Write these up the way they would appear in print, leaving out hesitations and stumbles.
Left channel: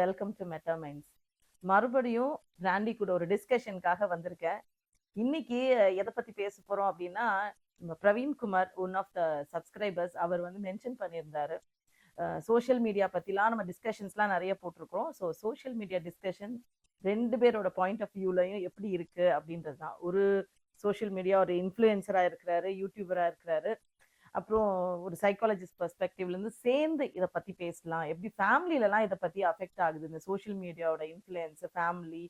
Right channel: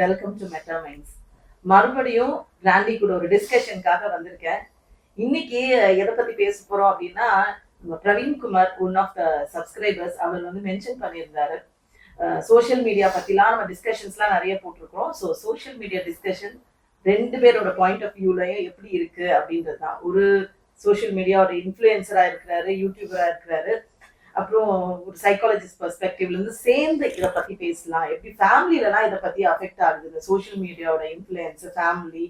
Welcome to meta minds. மறுபடியும் கிராண்டி கூட ஒரு டிஸ்கஷனுக்காக வந்திருக்கேன். இன்னைக்கு எதை பத்தி பேச போறோம் அப்படின்னா, Praveenkumar one of the subscribers அவர் வந்து மென்ஷன் பண்ணியிருந்தாரு. சோஷியல் மீடியா பத்திலாம் நம்ம டிஸ்கஷன்ஸ்லாம் நிறைய போட்டிருக்கோம். ஸோ சோஷியல் மீடியா டிஸ்கஷன் ரெண்டு பேரோட பாயிண்ட் ஆஃப் வியூலயும் எப்படி இருக்கு அப்படின்றது தான். ஒரு சோஷியல் மீடியாவோட இன்ஃப்ளூயன்சரா இருக்கிறாரு, யூடியூபரா இருக்கிறாரு. அப்புறம் ஒரு சைக்காலஜிஸ்ட் பெர்ஸ்பெக்டிவ்ல இருந்து சேர்ந்து இதை பத்தி பேசலாம். எப்படி ஃபேமிலிலலாம் இதை பத்தி அஃபெக்ட் ஆகுது, இந்த சோஷியல் மீடியாவோட இன்ஃப்ளூயன்ஸ் ஃபேமிலி,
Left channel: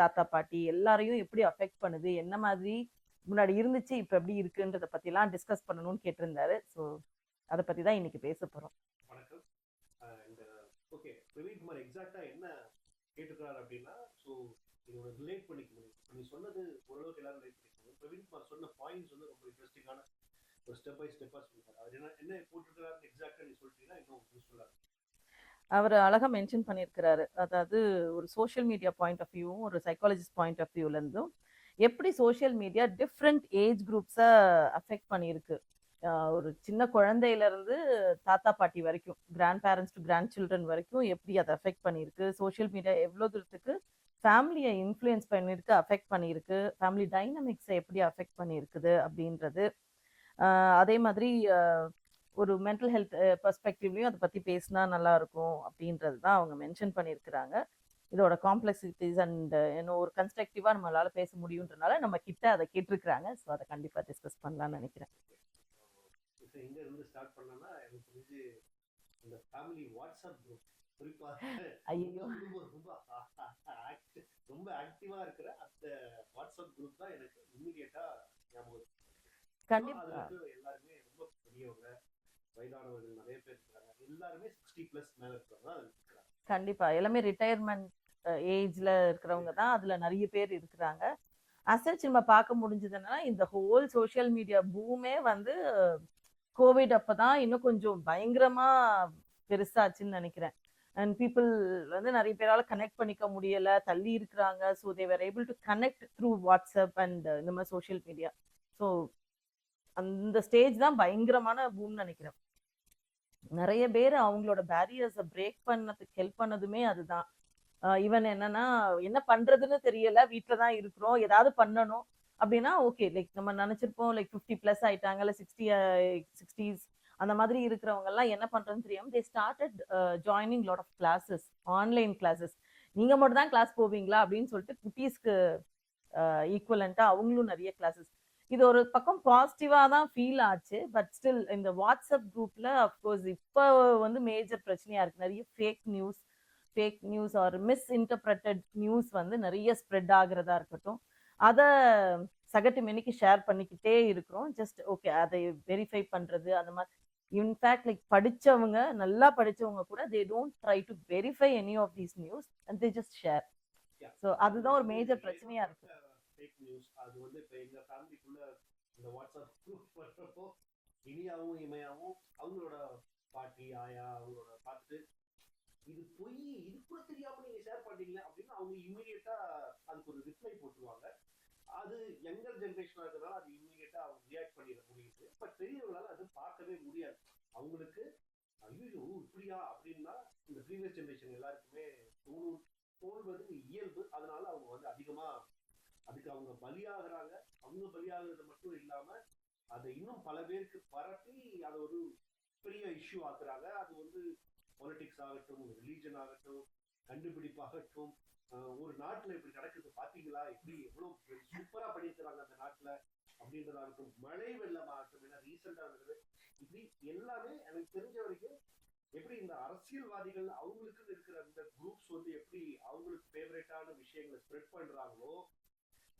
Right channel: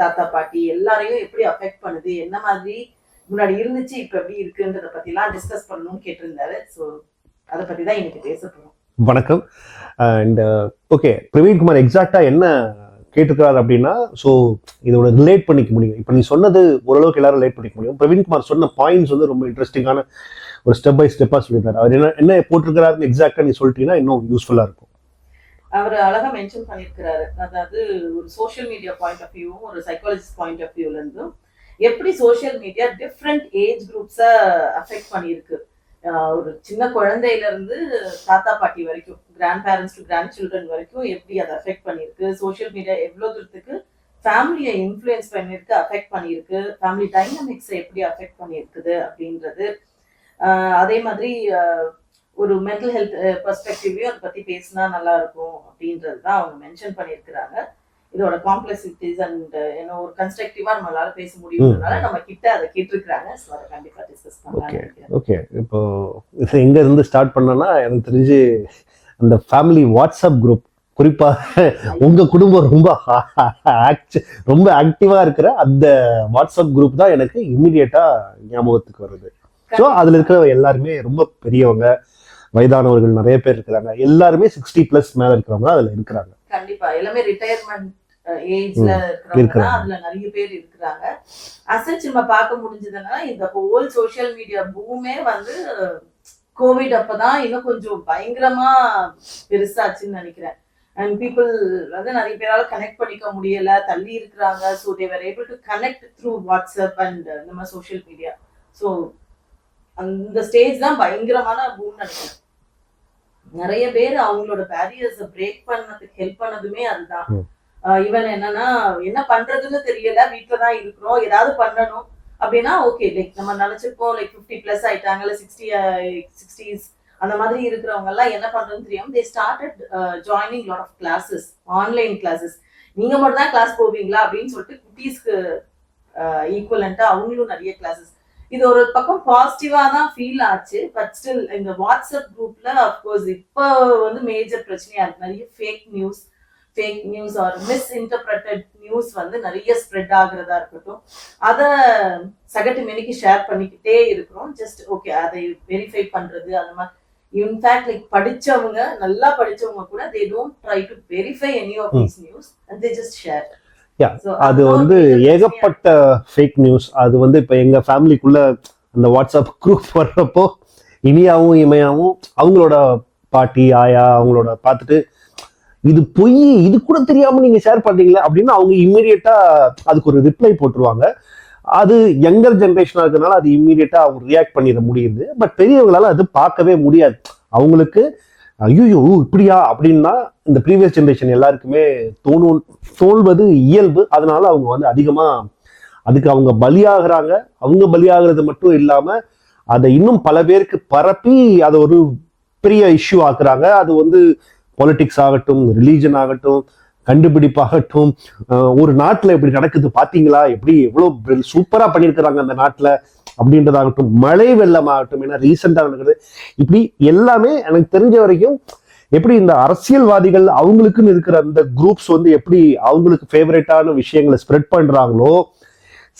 தாத்தா பாட்டி எல்லாரையும் எப்படி அஃபெக்ட் பண்ணுது, என்ன மாதிரி முன்னாடி இருந்துச்சு இப்ப எப்படி இருக்குன்றத பத்திலாம் டிஸ்கஸ் பண்ணணும்னு கேட்டிருந்தாரு. ஸோ அதை பத்தி தான் இன்னைக்கு பேச போறோம். வணக்கம். அண்ட் ஓகே, பிரவீன்குமார் எக்ஸாக்டா என்ன கேட்டிருக்காரு அப்படின்னா, ஸோ இதோட ரிலேட் பண்ணிக்க முடியும். இப்போ நீ சொன்னது ஓரளவுக்கு எல்லாரும் ரிலேட் பண்ணிக்க முடியும். பிரவீன்குமார் சொன்ன பாயிண்ட்ஸ் வந்து ரொம்ப இன்ட்ரெஸ்டிங்கான ஒரு ஸ்டெப் பை ஸ்டெப்பா சொல்லியிருக்காரு. அவர் என்ன போட்டிருக்கிறாருன்னு எக்ஸாக்டா நீ சொல்லிட்டீங்கன்னா இன்னும் யூஸ்ஃபுல்லா இருக்கும். அவர் அழகா மென்ஷன் பண்ணியிருக்கிறாரு. அதாவது ஒரு சோஷியல் மீடியா பாயிண்ட் ஆஃப் வியூவும் ஒரு சைக்காலஜிஸ்ட் பாயிண்ட் ஆஃப் வியூல இருந்தும் எப்படி சோஷியல் மீடியா டிஃப்ரெண்ட் ஏஜ் குரூப்ஸை அஃபெக்ட் பண்ணியிருக்கு. ஒரு சின்ன குழந்தையில இருந்து தாத்தா பாட்டி வரைக்கும், grandparents to grandchildren வரைக்கும் எப்படி அதை அஃபெக்ட் பண்ணியிருக்கு. சோஷியல் மீடியா எவ்வளோ தூரத்துக்கு ஃபேமிலியை இன்ஃப்ளூயன்ஸ் பண்ணியிருக்கு, அஃபெக்ட் பண்ணியிருக்கு, ஃபேமிலி டைனமிக்ஸை எப்படி அஃபெக்ட் பண்ணியிருக்குது அப்படின்றது. அதே மாதிரி ஒரு மென்டல் ஹெல்த் பெர்ஸ்பெக்டிவ்லையும் அதை பற்றி பேசினா நல்லா இருக்கும் அப்படின்றது தான் அவங்க மென்ஷன் பண்ணியிருக்கிறாங்க. இதோட காம்ப்ளெக்சிட்டிஸ் அண்ட் ஏன்னா ஒரு கன்ஸ்ட்ரக்டிவா நம்மளால பேச முடியும்னால நம்ம கிட்ட அதை கேட்டிருக்கிறாங்க. ஸோ அதை கண்டிப்பா டிஸ்கஸ் பண்ணலாம். ஓகே, இப்போ எங்க இருந்து ஸ்டார்ட் பண்ணனா, எனக்கு தெரிஞ்சு அந்த ஃபேமிலி வாட்ஸ்அப் குரூப், குறிப்பா உங்க குடும்பம் ரொம்ப ஆக்டிவா இருக்கிற அந்த வாட்ஸ்அப் குரூப் தான் எனக்கு இம்மிடியட்டா ஞாபகத்துக்கு வருது. ஸோ அதுல இருக்கிற எல்லாருமே ரொம்ப பெரியவங்க, வயதானவர்கள் நிறைய பேர் இருக்கிறாங்க. எல்லாருமே 60+ மேல இருக்கிறவங்க அதுல இருக்கிறாங்க. கண்டிப்பா எல்லாமே ரிட்டையர்மெண்ட் ஏஜ்ல இருக்கிறவங்க அதுல நிறைய பேர் இருக்கிறாங்க. அசச் நம்ம பார்க்க முடிஞ்சதுன்னா இந்த ஹோல் சோஷியல் மீடியா பூமே வந்து கோவிட் அப்பதான் இன்னும் கொஞ்சம் பயங்கரமா பெருசாச்சுன்னு நினைக்கிறேன். அண்ட் பீப்புள் வந்து நிறைய பேரால கனெக்ட் பண்ணிக்க முடியல, தள்ளி இருக்கிறாங்க. So they were able to connect through WhatsApp and இந்த மாதிரி சோஷியல் மீடியா. ஸோ அந்த ஸ்டேஜ் தான் பயங்கரமான பூம் நினைக்கிறேன். நிறைய பேர் அவங்களோட பேரியர்ஸை பிரேக் பண்ணதுக்கு ஹெல்ப் பண்ணதுமே அதுதான். ஈவன் என்னன்னா என்ன பண்றதுன்னு தெரியல, வீட்டுலதான் இருக்கிறோம், ஏதாவது பண்ணணும் அப்படின்னா ஓகே, லைக் நம்ம நினைச்சிருப்போம் லைக் 50+ ஆயிட்டாங்க, இல்லை 60s அந்த மாதிரி இருக்கிறவங்க எல்லாம் என்ன பண்றதுன்னு தெரியாம they started joining lot of classes, online classes. நீங்க மட்டும் தான் கிளாஸ் போவீங்களா அப்படின்னு சொல்லிட்டு குட்டீஸ்க்கு ஈக்குவலண்டா அவங்களும் நிறைய கிளாஸஸ். இது ஒரு பக்கம் பாசிட்டிவா தான் ஃபீல் ஆச்சு. பட் ஸ்டில் இந்த வாட்ஸ்அப் குரூப்ல அப்கோர்ஸ் இப்போ வந்து மேஜர் பிரச்சனையா இருக்கு. நிறைய ஃபேக் நியூஸ் ஆர் மிஸ்இன்டர்பிரட்டட் நியூஸ் வந்து நிறைய ஸ்ப்ரெட் ஆகுறதா இருக்கட்டும், அதை சகட்டு மெனிக்கு ஷேர் பண்ணிக்கிட்டே இருக்கிறோம். ஜஸ்ட் ஓகே அதை வெரிஃபை பண்றது அந்த மாதிரி. இன்ஃபேக்ட் லைக் படிச்சவங்க, நல்லா படிச்சவங்க கூட they don't try to verify any of these news and they just share. அது வந்து ஏகப்பட்ட ஃபேக் நியூஸ். அது வந்து இப்போ எங்க ஃபேமிலிக்குள்ள அந்த வாட்ஸ்அப் குரூப் வர்றப்போ இனியாவும் இமையாவும் அவங்களோட பாட்டி ஆயா அவங்களோட பார்த்துட்டு இது பொய், இது கூட தெரியாம நீங்க ஷேர் பண்றீங்களா அப்படின்னு அவங்க இம்மீடியட்டா அதுக்கு ஒரு ரிப்ளை போட்டுருவாங்க. அது யங்கர் ஜென்ரேஷனா இருக்கிறதுனால அது இம்மீடியட்டா அவங்க ரியாக்ட் பண்ணிட முடியுது. பட் பெரியவங்களால அது பார்க்கவே முடியாது. அவங்களுக்கு ஐயோ இப்படியா அப்படின்னா இந்த ப்ரீவியஸ் ஜென்ரேஷன் எல்லாருக்குமே தோல்வது இயல்பு. அதனால அவங்க வந்து அதிகமா அதுக்கு அவங்க பலியாகிறாங்க. அவங்க பலியாகிறது மட்டும் இல்லாம அதை இன்னும் பல பேருக்கு பரப்பி அதை ஒரு பெரிய இஷ்யூ ஆக்குறாங்க. அது வந்து பொலிட்டிக்ஸ் ஆகட்டும், ரிலீஜன் ஆகட்டும், கண்டுபிடிப்பாகட்டும், ஒரு நாட்டுல எப்படி நடக்குது பாத்தீங்களா, எப்படி எவ்வளவு சூப்பரா பண்ணியிருக்கிறாங்க அந்த நாட்டுல அப்படின்றதாகட்டும், மழை வெள்ளம் ஆகட்டும், ஏன்னா ரீசெண்டா நடக்குது. இப்படி எல்லாமே எனக்கு தெரிஞ்ச வரைக்கும் எப்படி இந்த அரசியல்வாதிகள் அவங்களுக்குன்னு இருக்கிற அந்த குரூப்ஸ் வந்து எப்படி அவங்களுக்கு ஃபேவரட்டான விஷயங்களை ஸ்ப்ரெட் பண்றாங்களோ,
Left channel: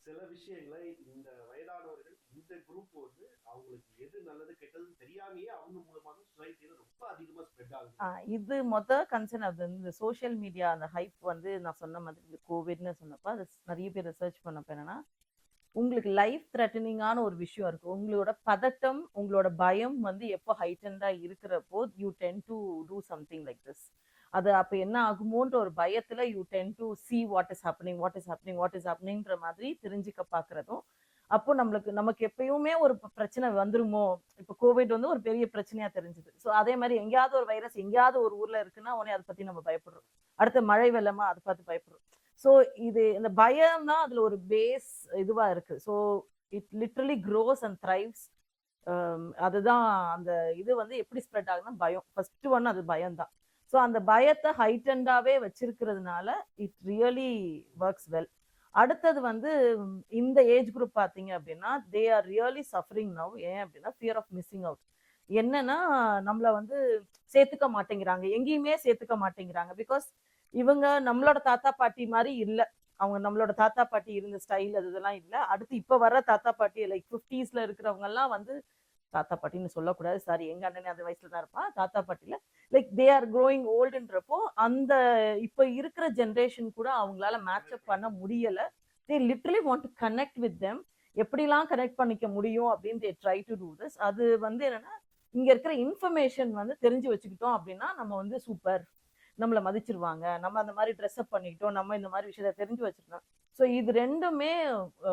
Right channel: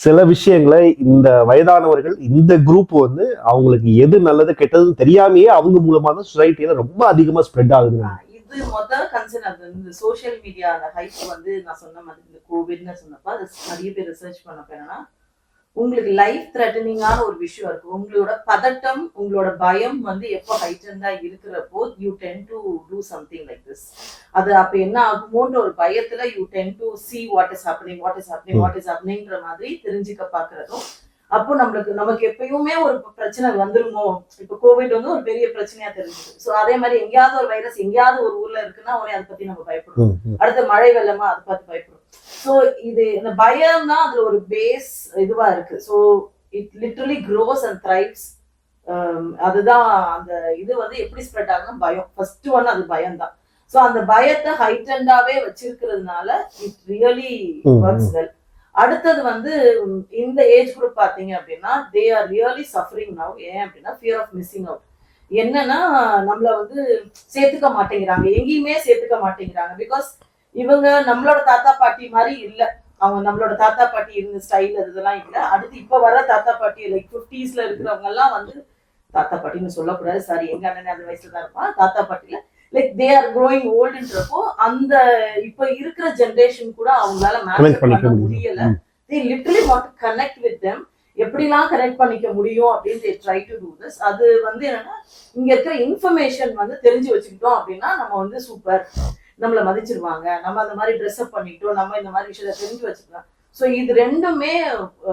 சில விஷயங்களை இந்த வயதானவர்கள் இந்த குரூப் வந்து அவங்களுக்கு எது நல்லது கெட்டதுன்னு தெரியாமையே அவங்க மூலமா தான் சொசைட்டியில ரொம்ப அதிகமா ஸ்ப்ரெட் ஆகுது. இது முதல் கன்சர்ன். அது இந்த சோஷியல் மீடியா அந்த ஹைப் வந்து நான் சொன்ன மாதிரி இந்த கோவிட்னு சொன்னப்ப அது நிறைய பேர் ரிசர்ச் பண்ணப்ப என்னன்னா, உங்களுக்கு லைஃப் த்ரெட்டனிங்கான ஒரு விஷயம் இருக்கு, உங்களோட பதட்டம், உங்களோட பயம் வந்து எப்போ ஹைட்டண்டா இருக்கிறப்போ you ten to do something like this. அது அப்ப என்ன ஆகுமோன்ற ஒரு பயத்துல you ten to see what is happening மாதிரி தெரிஞ்சுக்க பாக்குறதும், அப்போ நமக்கு எப்பயுமே ஒரு பிரச்சனை வந்துருமோ, இப்ப கோவிட் வந்து ஒரு பெரிய பிரச்சனையா தெரிஞ்சது. சோ அதே மாதிரி எங்கேயாவது ஒரு வைரஸ் எங்கேயாவது ஒரு ஊர்ல இருக்குன்னா உடனே அதை பத்தி நம்ம பயப்படுறோம். அடுத்த மழை வெள்ளமா அதை பார்த்து பயப்படுறோம். சோ இது இந்த பயம் தான் அதுல ஒரு பேஸ் இதுவா இருக்கு. So it literally grows and thrives. அதுதான் அந்த இது வந்து எப்படி ஸ்ப்ரெட் ஆகும்னா பயம். ஃபர்ஸ்ட் ஒன் அது பயம் தான். சோ அந்த பயத்தை ஹைட்டண்டாவே வச்சிருக்கிறதுனால இட் ரியலி ஒர்க்ஸ் வெல். அடுத்தது வந்து இந்த ஏஜ் குரூப் பாத்தீங்க அப்படின்னா they are really suffering now. ஏன் அப்படின்னா ஃபியர் ஆஃப் மிஸ்ஸிங் அவுட். என்னன்னா நம்மள வந்து சேர்த்துக்க மாட்டேங்கிறாங்க, எங்கேயுமே சேர்த்துக்க மாட்டேங்கிறாங்க. பிகாஸ் இவங்க நம்மளோட தாத்தா பாட்டி மாதிரி இல்ல. அவங்க நம்மளோட தாத்தா பாட்டி இருந்த ஸ்டைல் இதெல்லாம் இல்ல. அடுத்து இப்ப வர தாத்தா பாட்டி லைக் 50s இருக்கிறவங்க எல்லாம் வந்து தாத்தா பாட்டின்னு சொல்லக்கூடாது, சாரி, எங்க அண்ணன் அந்த வயசுல தான் இருப்பான். தாத்தா பாட்டில லைக் தே ஆர் க்ரோயிங் ஓல்டுன்றப்போ அந்த இப்ப இருக்கிற ஜெனரேஷன் கூட அவங்களால மேனேஜ் பண்ண முடியல. தே literally want to connect with them. எப்படிலாம் கனெக்ட் பண்ணிக்க முடியும் அப்படின்னு they try to do this. அது வந்து என்னன்னா இங்க இருக்கிற இன்ஃபர்மேஷன் வந்து தெரிஞ்சு வச்சுக்கிட்டோம் அப்படின்னா நம்ம வந்து சூப்பர், நம்மள மதிச்சிருவாங்க, நம்ம அந்த மாதிரி ட்ரெஸ் அப் பண்ணிக்கிட்டோம், நம்ம இந்த மாதிரி விஷயத்த தெரிஞ்சு வச்சுக்கலாம். சோ இது ரெண்டுமே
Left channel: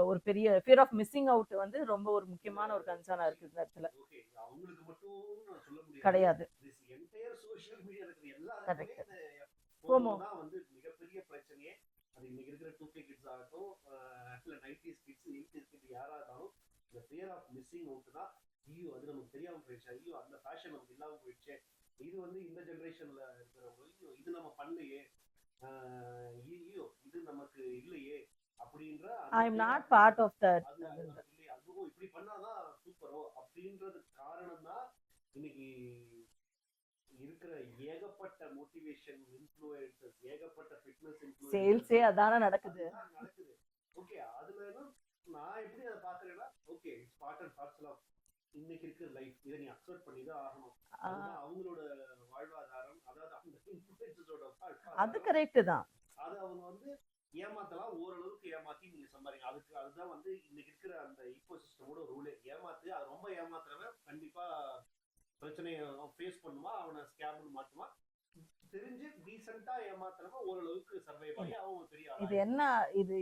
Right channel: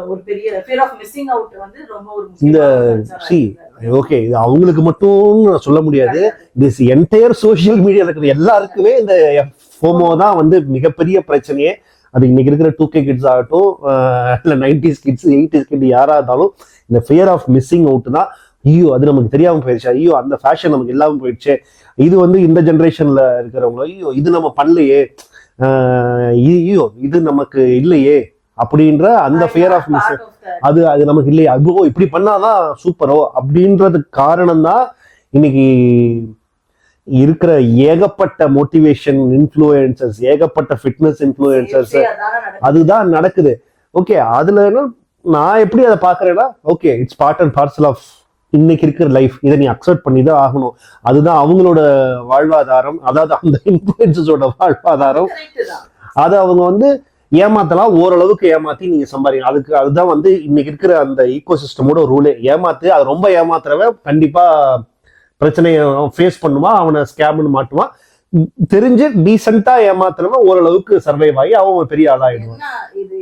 ஒரு பெரிய ஃபியர் ஆஃப் மிஸ்ஸிங் அவுட் வந்து ரொம்ப ஒரு இந்த ஓகே, இது அவங்களுக்கு மட்டும் சொல்ல முடியாது. திஸ் என்டையர் சோசியல் மீடியா இருக்கிற எல்லாருக்குமே இந்த ஃபோமோ தான் வந்து மிகப்பெரிய பிரச்சனையே. அது இன்னைக்கு இருக்கிற 2K கிட்ஸ் ஆகட்டும், இல்லை 90s கிட்ஸ் 80s கிட் யாரா இருந்தாலும் இந்த ஃபியர் ஆஃப் மிஸ்ஸிங் அவுட் தான். ஐயோ அது நமக்கு தெரியாம போயிடுச்சு, ஐயோ அந்த ஃபேஷன் நமக்கு இல்லாமல் போயிடுச்சு, இது வந்து இந்த ஜென்ரேஷன்ல இருக்கிறவங்க ஐயோ இது நம்ம பண்ணலையே, ஐயோ இது நமக்கு இல்லையே அப்படின்ற அந்த ஃபியர் ஆஃப் மிஸ் அது அது நமக்கு இல்லையே, அதுவோ இப்படி பண்ணாதான் சூப்பரோ அப்படின்றதுக்கு காரணம் தான் இன்னைக்கு இருக்கிற ஏகப்பட்ட மோட்டிவேஷன் இன்ஃப்ளூயன்சர்ஸ், ஏகப்பட்ட ஃபிட்னஸ் இன்ஃப்ளூயன்சர்ஸ். அதுதான் நடக்குது. ஓகே, அதுல நான் எப்படி அதை பாக்குறேன்னா, okay it's part and parcel of இன்னைக்கு இருக்கிற லைஃப், இதை நீ அக்செப்ட் பண்ணி தான் ஆகணும். அதுதான் அவங்களோட வாழ்வாதாரம், அதாவது அந்த இன்ஃப்ளூயன்சஸோட வாழ்வாதாரம். அதை அவங்க வந்து ஏமாத்தலாம், ஓரளவுக்கு ஏமாத்தி நீங்க சம்பாதிக்கலாம். அதுதான் வந்து இன்னைக்கு இருக்கிற அந்த ஈகோ சிஸ்டமோட ரூலே. ஏமாத்து, அது ரொம்ப ஏமாத்துறவன் கண்டிப்பா பிரச்சனையை ஃபேஸ் பண்ணுவான், அவனை ஸ்கேம்னு மாட்டுவான். தெரிஞ்சு டீசெண்டா ஏமாத்துறவன் ஓரளவுக்கு சர்வைவ் ஆகி அவன் பெரிய ஆளாயிடுவான். இது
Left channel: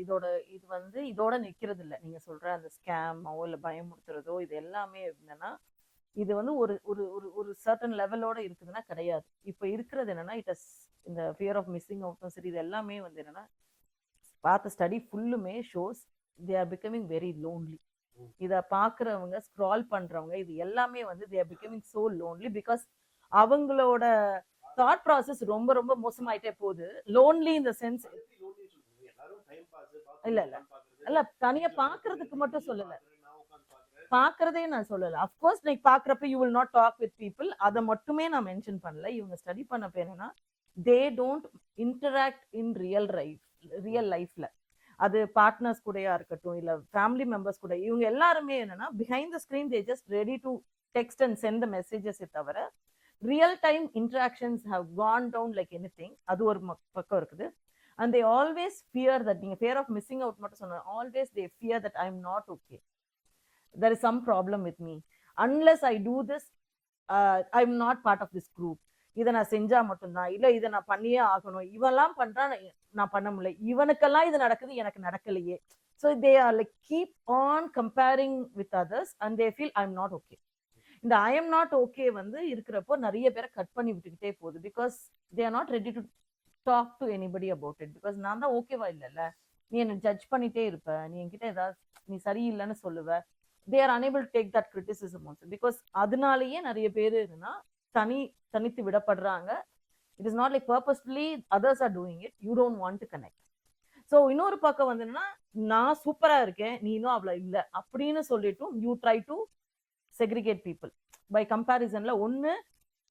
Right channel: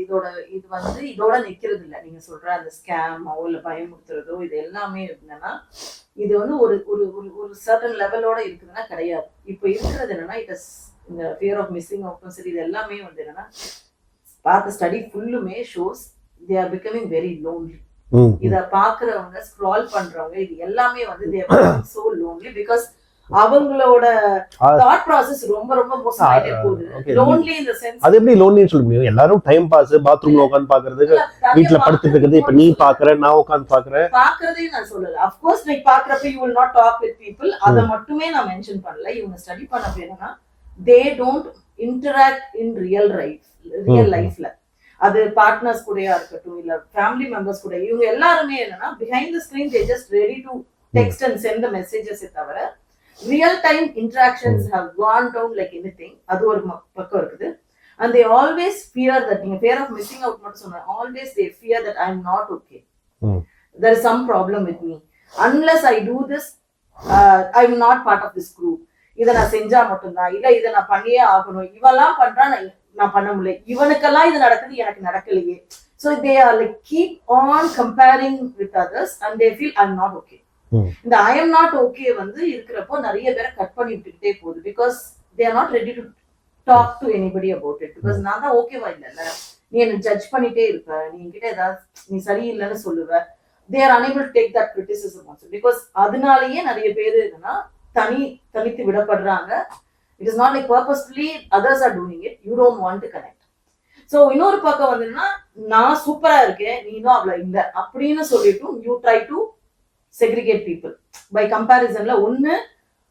வந்து இதோட நிக்கிறது இல்ல. நீங்க சொல்ற அந்த ஸ்கேமோ இல்ல பயமுறுத்துறதோ இது எல்லாமே என்னன்னா இது வந்து ஒரு ஒரு ஒரு சர்டன் லெவலோட இருக்குதுன்னா கிடையாது. இப்ப இருக்கிறது என்னன்னா இந்த ஃபியர் ஆஃப் மிஸ்ஸிங் அவுட்டும் சரி, இது எல்லாமே வந்து என்னன்னா பார்த்த ஸ்டடி ஃபுல்லுமே shows they are becoming very lonely. இத பாக்குறவங்க ஸ்க்ரால் பண்றவங்க இது எல்லாமே வந்து they are becoming so lonely because அவங்களோட தாட் ப்ராசஸ் ரொம்ப ரொம்ப மோசமாயிட்டே போகுது. லோன்லி இன் தி சென்ஸ் அது எப்படி லோன்லின்னு சொல்ல முடியும்? எல்லாரும் டைம் பாஸ், பாத்ரூம்ல உட்கார்ந்து பாக்குறது, வீட்ல படுத்துட்டு இருக்குது. இப்ப நீ பாக்குற, நான் உட்கார்ந்து பாக்குறேன். பாக்குறதே நான் சொல்லல. ஆஃப் கோர்ஸ் நீ பாக்குறப்ப you will not talk with people. அத மட்டுமே நான் மென்ஷன் பண்ணல. இவங்க ஸ்டடி பண்ண பேருனா they don't interact in real லைஃப்ல. அது பார்ட்னர்ஸ் கூடயா இருக்கட்டும் இல்ல ஃபேமிலி மெம்பர்ஸ் கூட, இவங்க எல்லாருமே என்னன்னா behind the screen they just ready to text and send the messages. தவிர real time interactions have gone down like anything. அது ஒரு பக்கம் இருக்குது. And they always fear that, நீங்க fear of missing out மட்டும் சொன்னா, always they fear that I am not okay. There is some problem with me. Unless I do this, I am not part of this group. இதை நான் செஞ்சா மட்டும்தான், இல்ல இதை நான் பண்ணியே ஆகணும், இவெல்லாம் பண்றா நான் பண்ண முடியல, இவனுக்கெல்லாம் இது நடக்குது எனக்கு நடக்கலையே. So they are like keep on comparing with others and they feel I am not okay. இந்த ஐ எம் நாட் ஓகே வந்து இருக்கிறப்போ நிறைய பேரை கட் பண்ணி விட்டுக்கிட்டே போகுது. Because they are not ready to talk to anybody about it. Because நான் தான் ஓகேவா இல்லைல்ல, நீ என்ன ஜட்ஜ் பண்ணிட்டே இருப்ப, நீ என்கிட்ட ஏதாவது நீ சரியில்லைன்னு சொல்லுவ. They are unable to take that criticism also. Because அதனாலேயே நிறைய பேர் என்னன்னா தனித்து விடப்படுறாங்க. It is not like purposefully others are doing it, you don't want to connect. So இன்னொரு பக்கம் வந்துன்னா நான் சூப்பரா இருக்கேன், நீனும் அவ்வளவு இல்லை அப்படின்னு சொல்லிட்டும் you try to segregate people by comparisonல. ஒண்ணு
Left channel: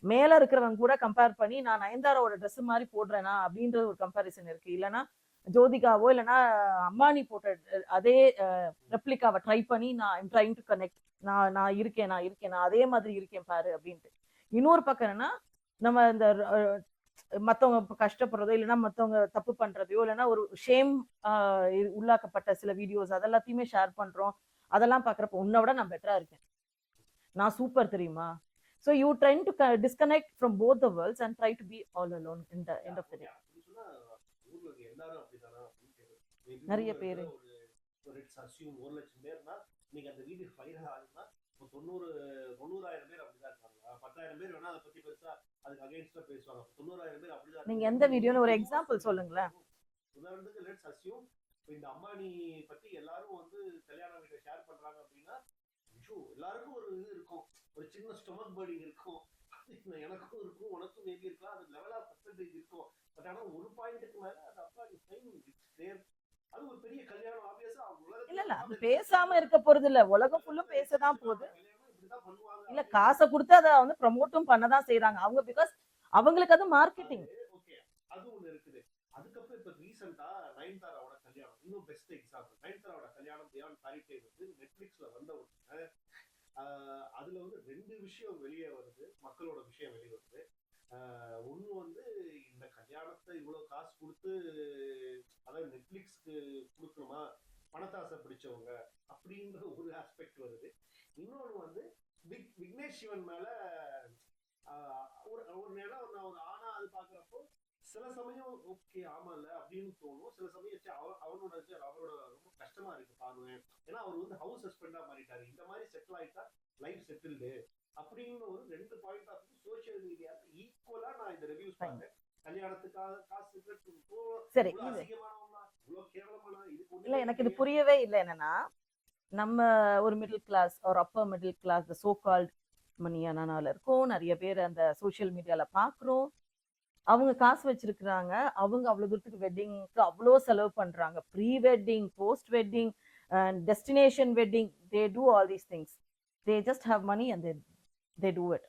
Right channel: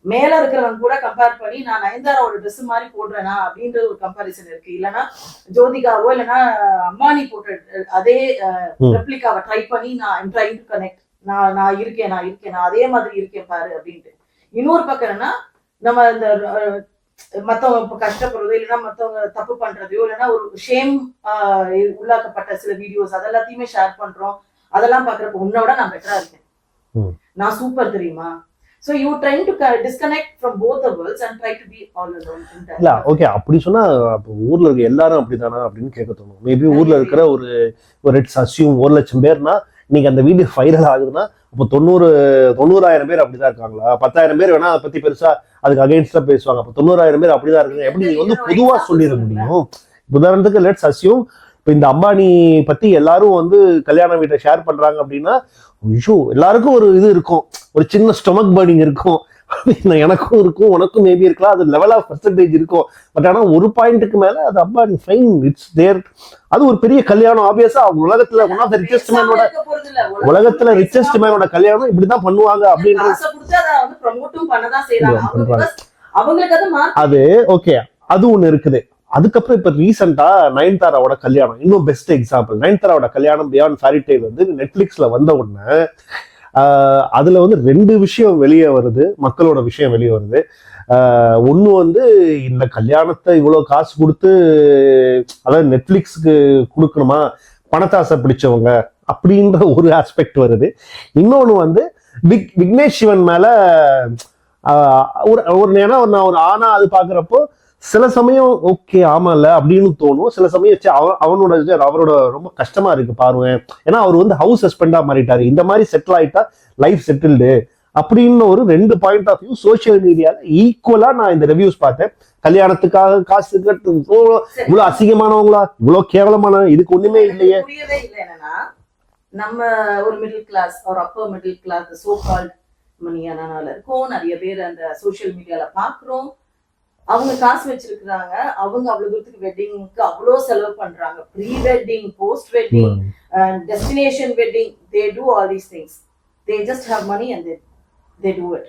மேல இருக்கிறவங்க கூட கம்பேர் பண்ணி நான் நயன்தாராவோட ட்ரெஸ் மாதிரி போடுறேனா அப்படின்ற ஒரு கம்பாரிசன் இருக்கு. இல்லைன்னா ஜோதிகாவோ இல்லைன்னா அம்பானி போட்ட அதே ரெப்ளிகாவை ட்ரை பண்ணி நான் ட்ரை டு கனெக்ட், நான் இருக்கேன் நான் அதே மாதிரி இருக்கேன் பாரு அப்படின்ட்டு. இன்னொரு பக்கம் என்னன்னா நம்ம இந்த மத்தவங்க கஷ்டப்படுறதோ இல்லைன்னா மத்தவங்க தப்பு பண்றதையோ இல்லைன்னா ஒரு ஷேம் உள்ளாக்கப்பட்ட சில வீடியோஸ் அதெல்லாத்தையுமே ஷேர் பண்றோம். அதெல்லாம் பாக்குறப்ப உன்னோட நான் பெட்டரா இருக்கேன், நான் சூப்பர் தெரியுமா. So you trying to disconnect from both the worlds and try to be all alone in that. இல்ல ஓகே, அப்படி சொன்னா ஊர்ல இருக்க எல்லாரும் அப்படிதானா அப்படின்னு கேட்க தோணும். மேபி ஊர்ல இருக்கிற ஒரு லெட்ஸ் அஸ்யூம் 1,00,000 பேர்னா இன்னைக்கு அந்த வீடியோ வைரல் ஆகுதுன்னா அப்போ 90,000 பேர் அப்படிதான் இருக்காங்களா? 10,000 பேர் வேணா அதை பத்தி பெருசா அதுக்கு அகைன்ஸ்டா பேசுவாங்க. அப்போ 90,000 பேர் அப்படிதான் இருக்கு. எப்படி நீங்க வந்து பொதுவா சொல்லிட முடியும்? உதாரணத்துக்கு லெட்ஸ் அஸ்யூம் இப்போ இந்த அம்பானி பத்தி எல்லாரும் வந்து கல்யாண வீட்டை ஷேர் பண்றாங்க அப்படின்னா, ஐயோ எல்லாருக்கும் ஒரு இது இருக்கும், ஒரு சின்ன ஸ்டொமக் பர்னிங் இருக்கும். எனக்கும் இருக்கும், உனக்கும் மேபி இருக்கலாம், அது லெவல் ஆஃப் பர்சன்டேஜ் இருக்கும். பட் ஆனா ஒரு பாயிண்ட்டுக்கு மேல அது அம்பானி ஃபைன், இட்ஸ் தேர். அது ஒரு பெரிய கல்யாணம். ஆப்வியஸா அவங்க உலகத்துல ஒன் ஆஃப் த ரிச்சஸ்ட் மேனோட, உலகத்துல ரிச்சஸ்ட் மேனோட கல்யாணம் இப்படிதான் பண்ணுவாங்க அப்படின்னு அது ஓகே. அது ஒண்ணு இருக்குது. அதுக்கப்புறம் இப்ப ரீசெண்டா நயன்தாராவோட கல்யாணம் இன்னும் பெஸ்ட் எக்ஸாம்பிள். நயன்தாராவோட கல்யாணம் பியாண்ட் ஃபேரி டேல் வந்து நெட்ஃபிளிக்ஸ்ல வந்த உடனே அதுல வந்து 2 விஷயம் வெளியே வருது, மக்களோட விஷயம் வெளியே வருது. ஒண்ணு வந்து இந்த கல்யாணத்தை இவ்வளவு காசு கொடுத்து, அதாவது நெட்ஃபிளிக்ஸ்க்கு கொடுக்கணுமா, பணத்தாசை பிடிச்சவங்க அப்படின்ற ஒரு ஆஸ்பெக்ட் வருது. இன்னொன்னு வந்து விக்னேஷ் சிவன் மேல ஒரு ஏன்னா நான் ஒரு ஆனா அது பாக்குறப்போ சில சமயம் ஓகே ஆமா இல்ல அப்படின்னு தோணும். சில சமயம் அவரோட ரொம்ப கஷ்டமா இருக்கு பாருவேன். ஏன்னா அவர் வந்து ஹவுஸ் ஹஸ்பண்டா மாறிட்டாரு. இந்த மாதிரி செட்டில் ஆயிட்டா லைஃப் செட்டில்டு அப்படின்னு ஒரு 2 பாயிண்ட் ஆஃப் வியூ சோசியல் மீடியால ஈக்குவலா நான் இந்த ரிவ்யூஸ் பார்த்தேன். கல்யாணத்துக்காக காசு கட்டு இவ்வளவு அசிங்கமானவங்களா, இவ்வளவு கேவலமான, இதுக்கு ஒண்ணுமே இல்லையே. புரியவே இல்லை. என்னன்னா நம்ம ஒரு மிடில் கிளாஸ் ஒரு upper middle class so called மணியானால இருக்கும். நிறைய பேர் அந்த சோசியல் மீடியால பாக்குறோம். அவங்க காசு வச்சிருக்கிறாங்க. அவங்க அவ்வளவு தூரத்துக்கு வெட்டிங்க்கு அவ்வளோ செலவு பண்றாங்க. Pre wedding, post wedding, destination wedding, they do all these things. They just have money and they do it.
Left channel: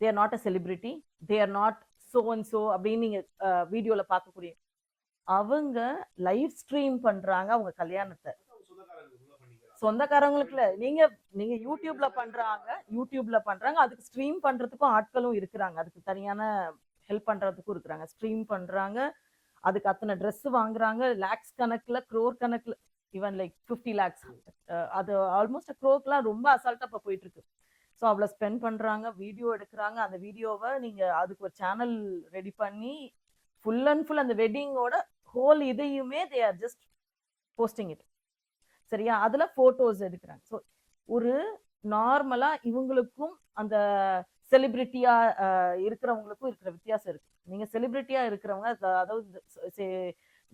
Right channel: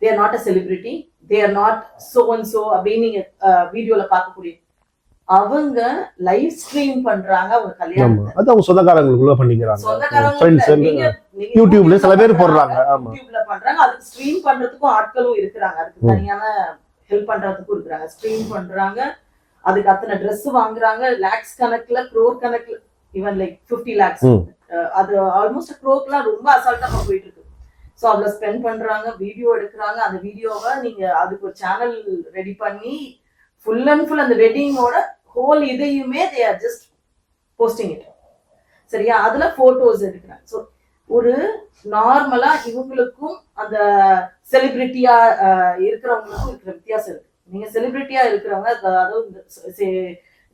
They are not a celebrity. They are not so and so அப்படின்னு நீங்க வீடியோல பார்க்கக்கூடிய அவங்க லைவ் ஸ்ட்ரீம் பண்றாங்க அவங்க கல்யாணத்தை. அது அவங்க சொந்தக்காரங்களுக்குள்ள பண்ணிக்கிறாங்க. சொந்தக்காரங்க யூடியூப்ல சில பேர் போடுறாங்க. யூடியூப்ல பண்றாங்க. அதுக்கு ஸ்ட்ரீம் பண்றதுக்கும் ஆட்களும் இருக்கிறாங்க. அதுக்கு தனியான ஹெல்ப் பண்றதுக்கும் இருக்கிறாங்க. ஸ்ட்ரீம் பண்றாங்க. அதுக்கு அத்தனை ட்ரெஸ் வாங்குறாங்க. லேக்ஸ் கணக்குல, க்ரோர் கணக்குல, ஈவன் லைக் 50 lakhs. அது ஆல்மோஸ்ட் க்ரோர்க்குலாம் ரொம்ப அசால்ட்டா போயிட்டு இருக்கு. ஸோ அவ்வளோ ஸ்பெண்ட் பண்றாங்க. வீடியோ எடுக்கிறாங்க. அந்த வீடியோவை நீங்க அதுக்கு ஒரு சேனல் ரெடி பண்ணி ஃபுல் அண்ட் ஃபுல் அந்த வெட்டிங்கோட ஹோல் இதையுமே they are just posting it. சரியா? அதுல போட்டோஸ் எடுக்கிறாங்க. ஸோ ஒரு நார்மலா இவங்களுக்கும் அந்த செலிபிரிட்டியா இருக்கிறவங்களுக்கும் இருக்கிற வித்தியாசம் இருக்கு. நீங்க செலிபிரிட்டியா இருக்கிறவங்க, அதாவது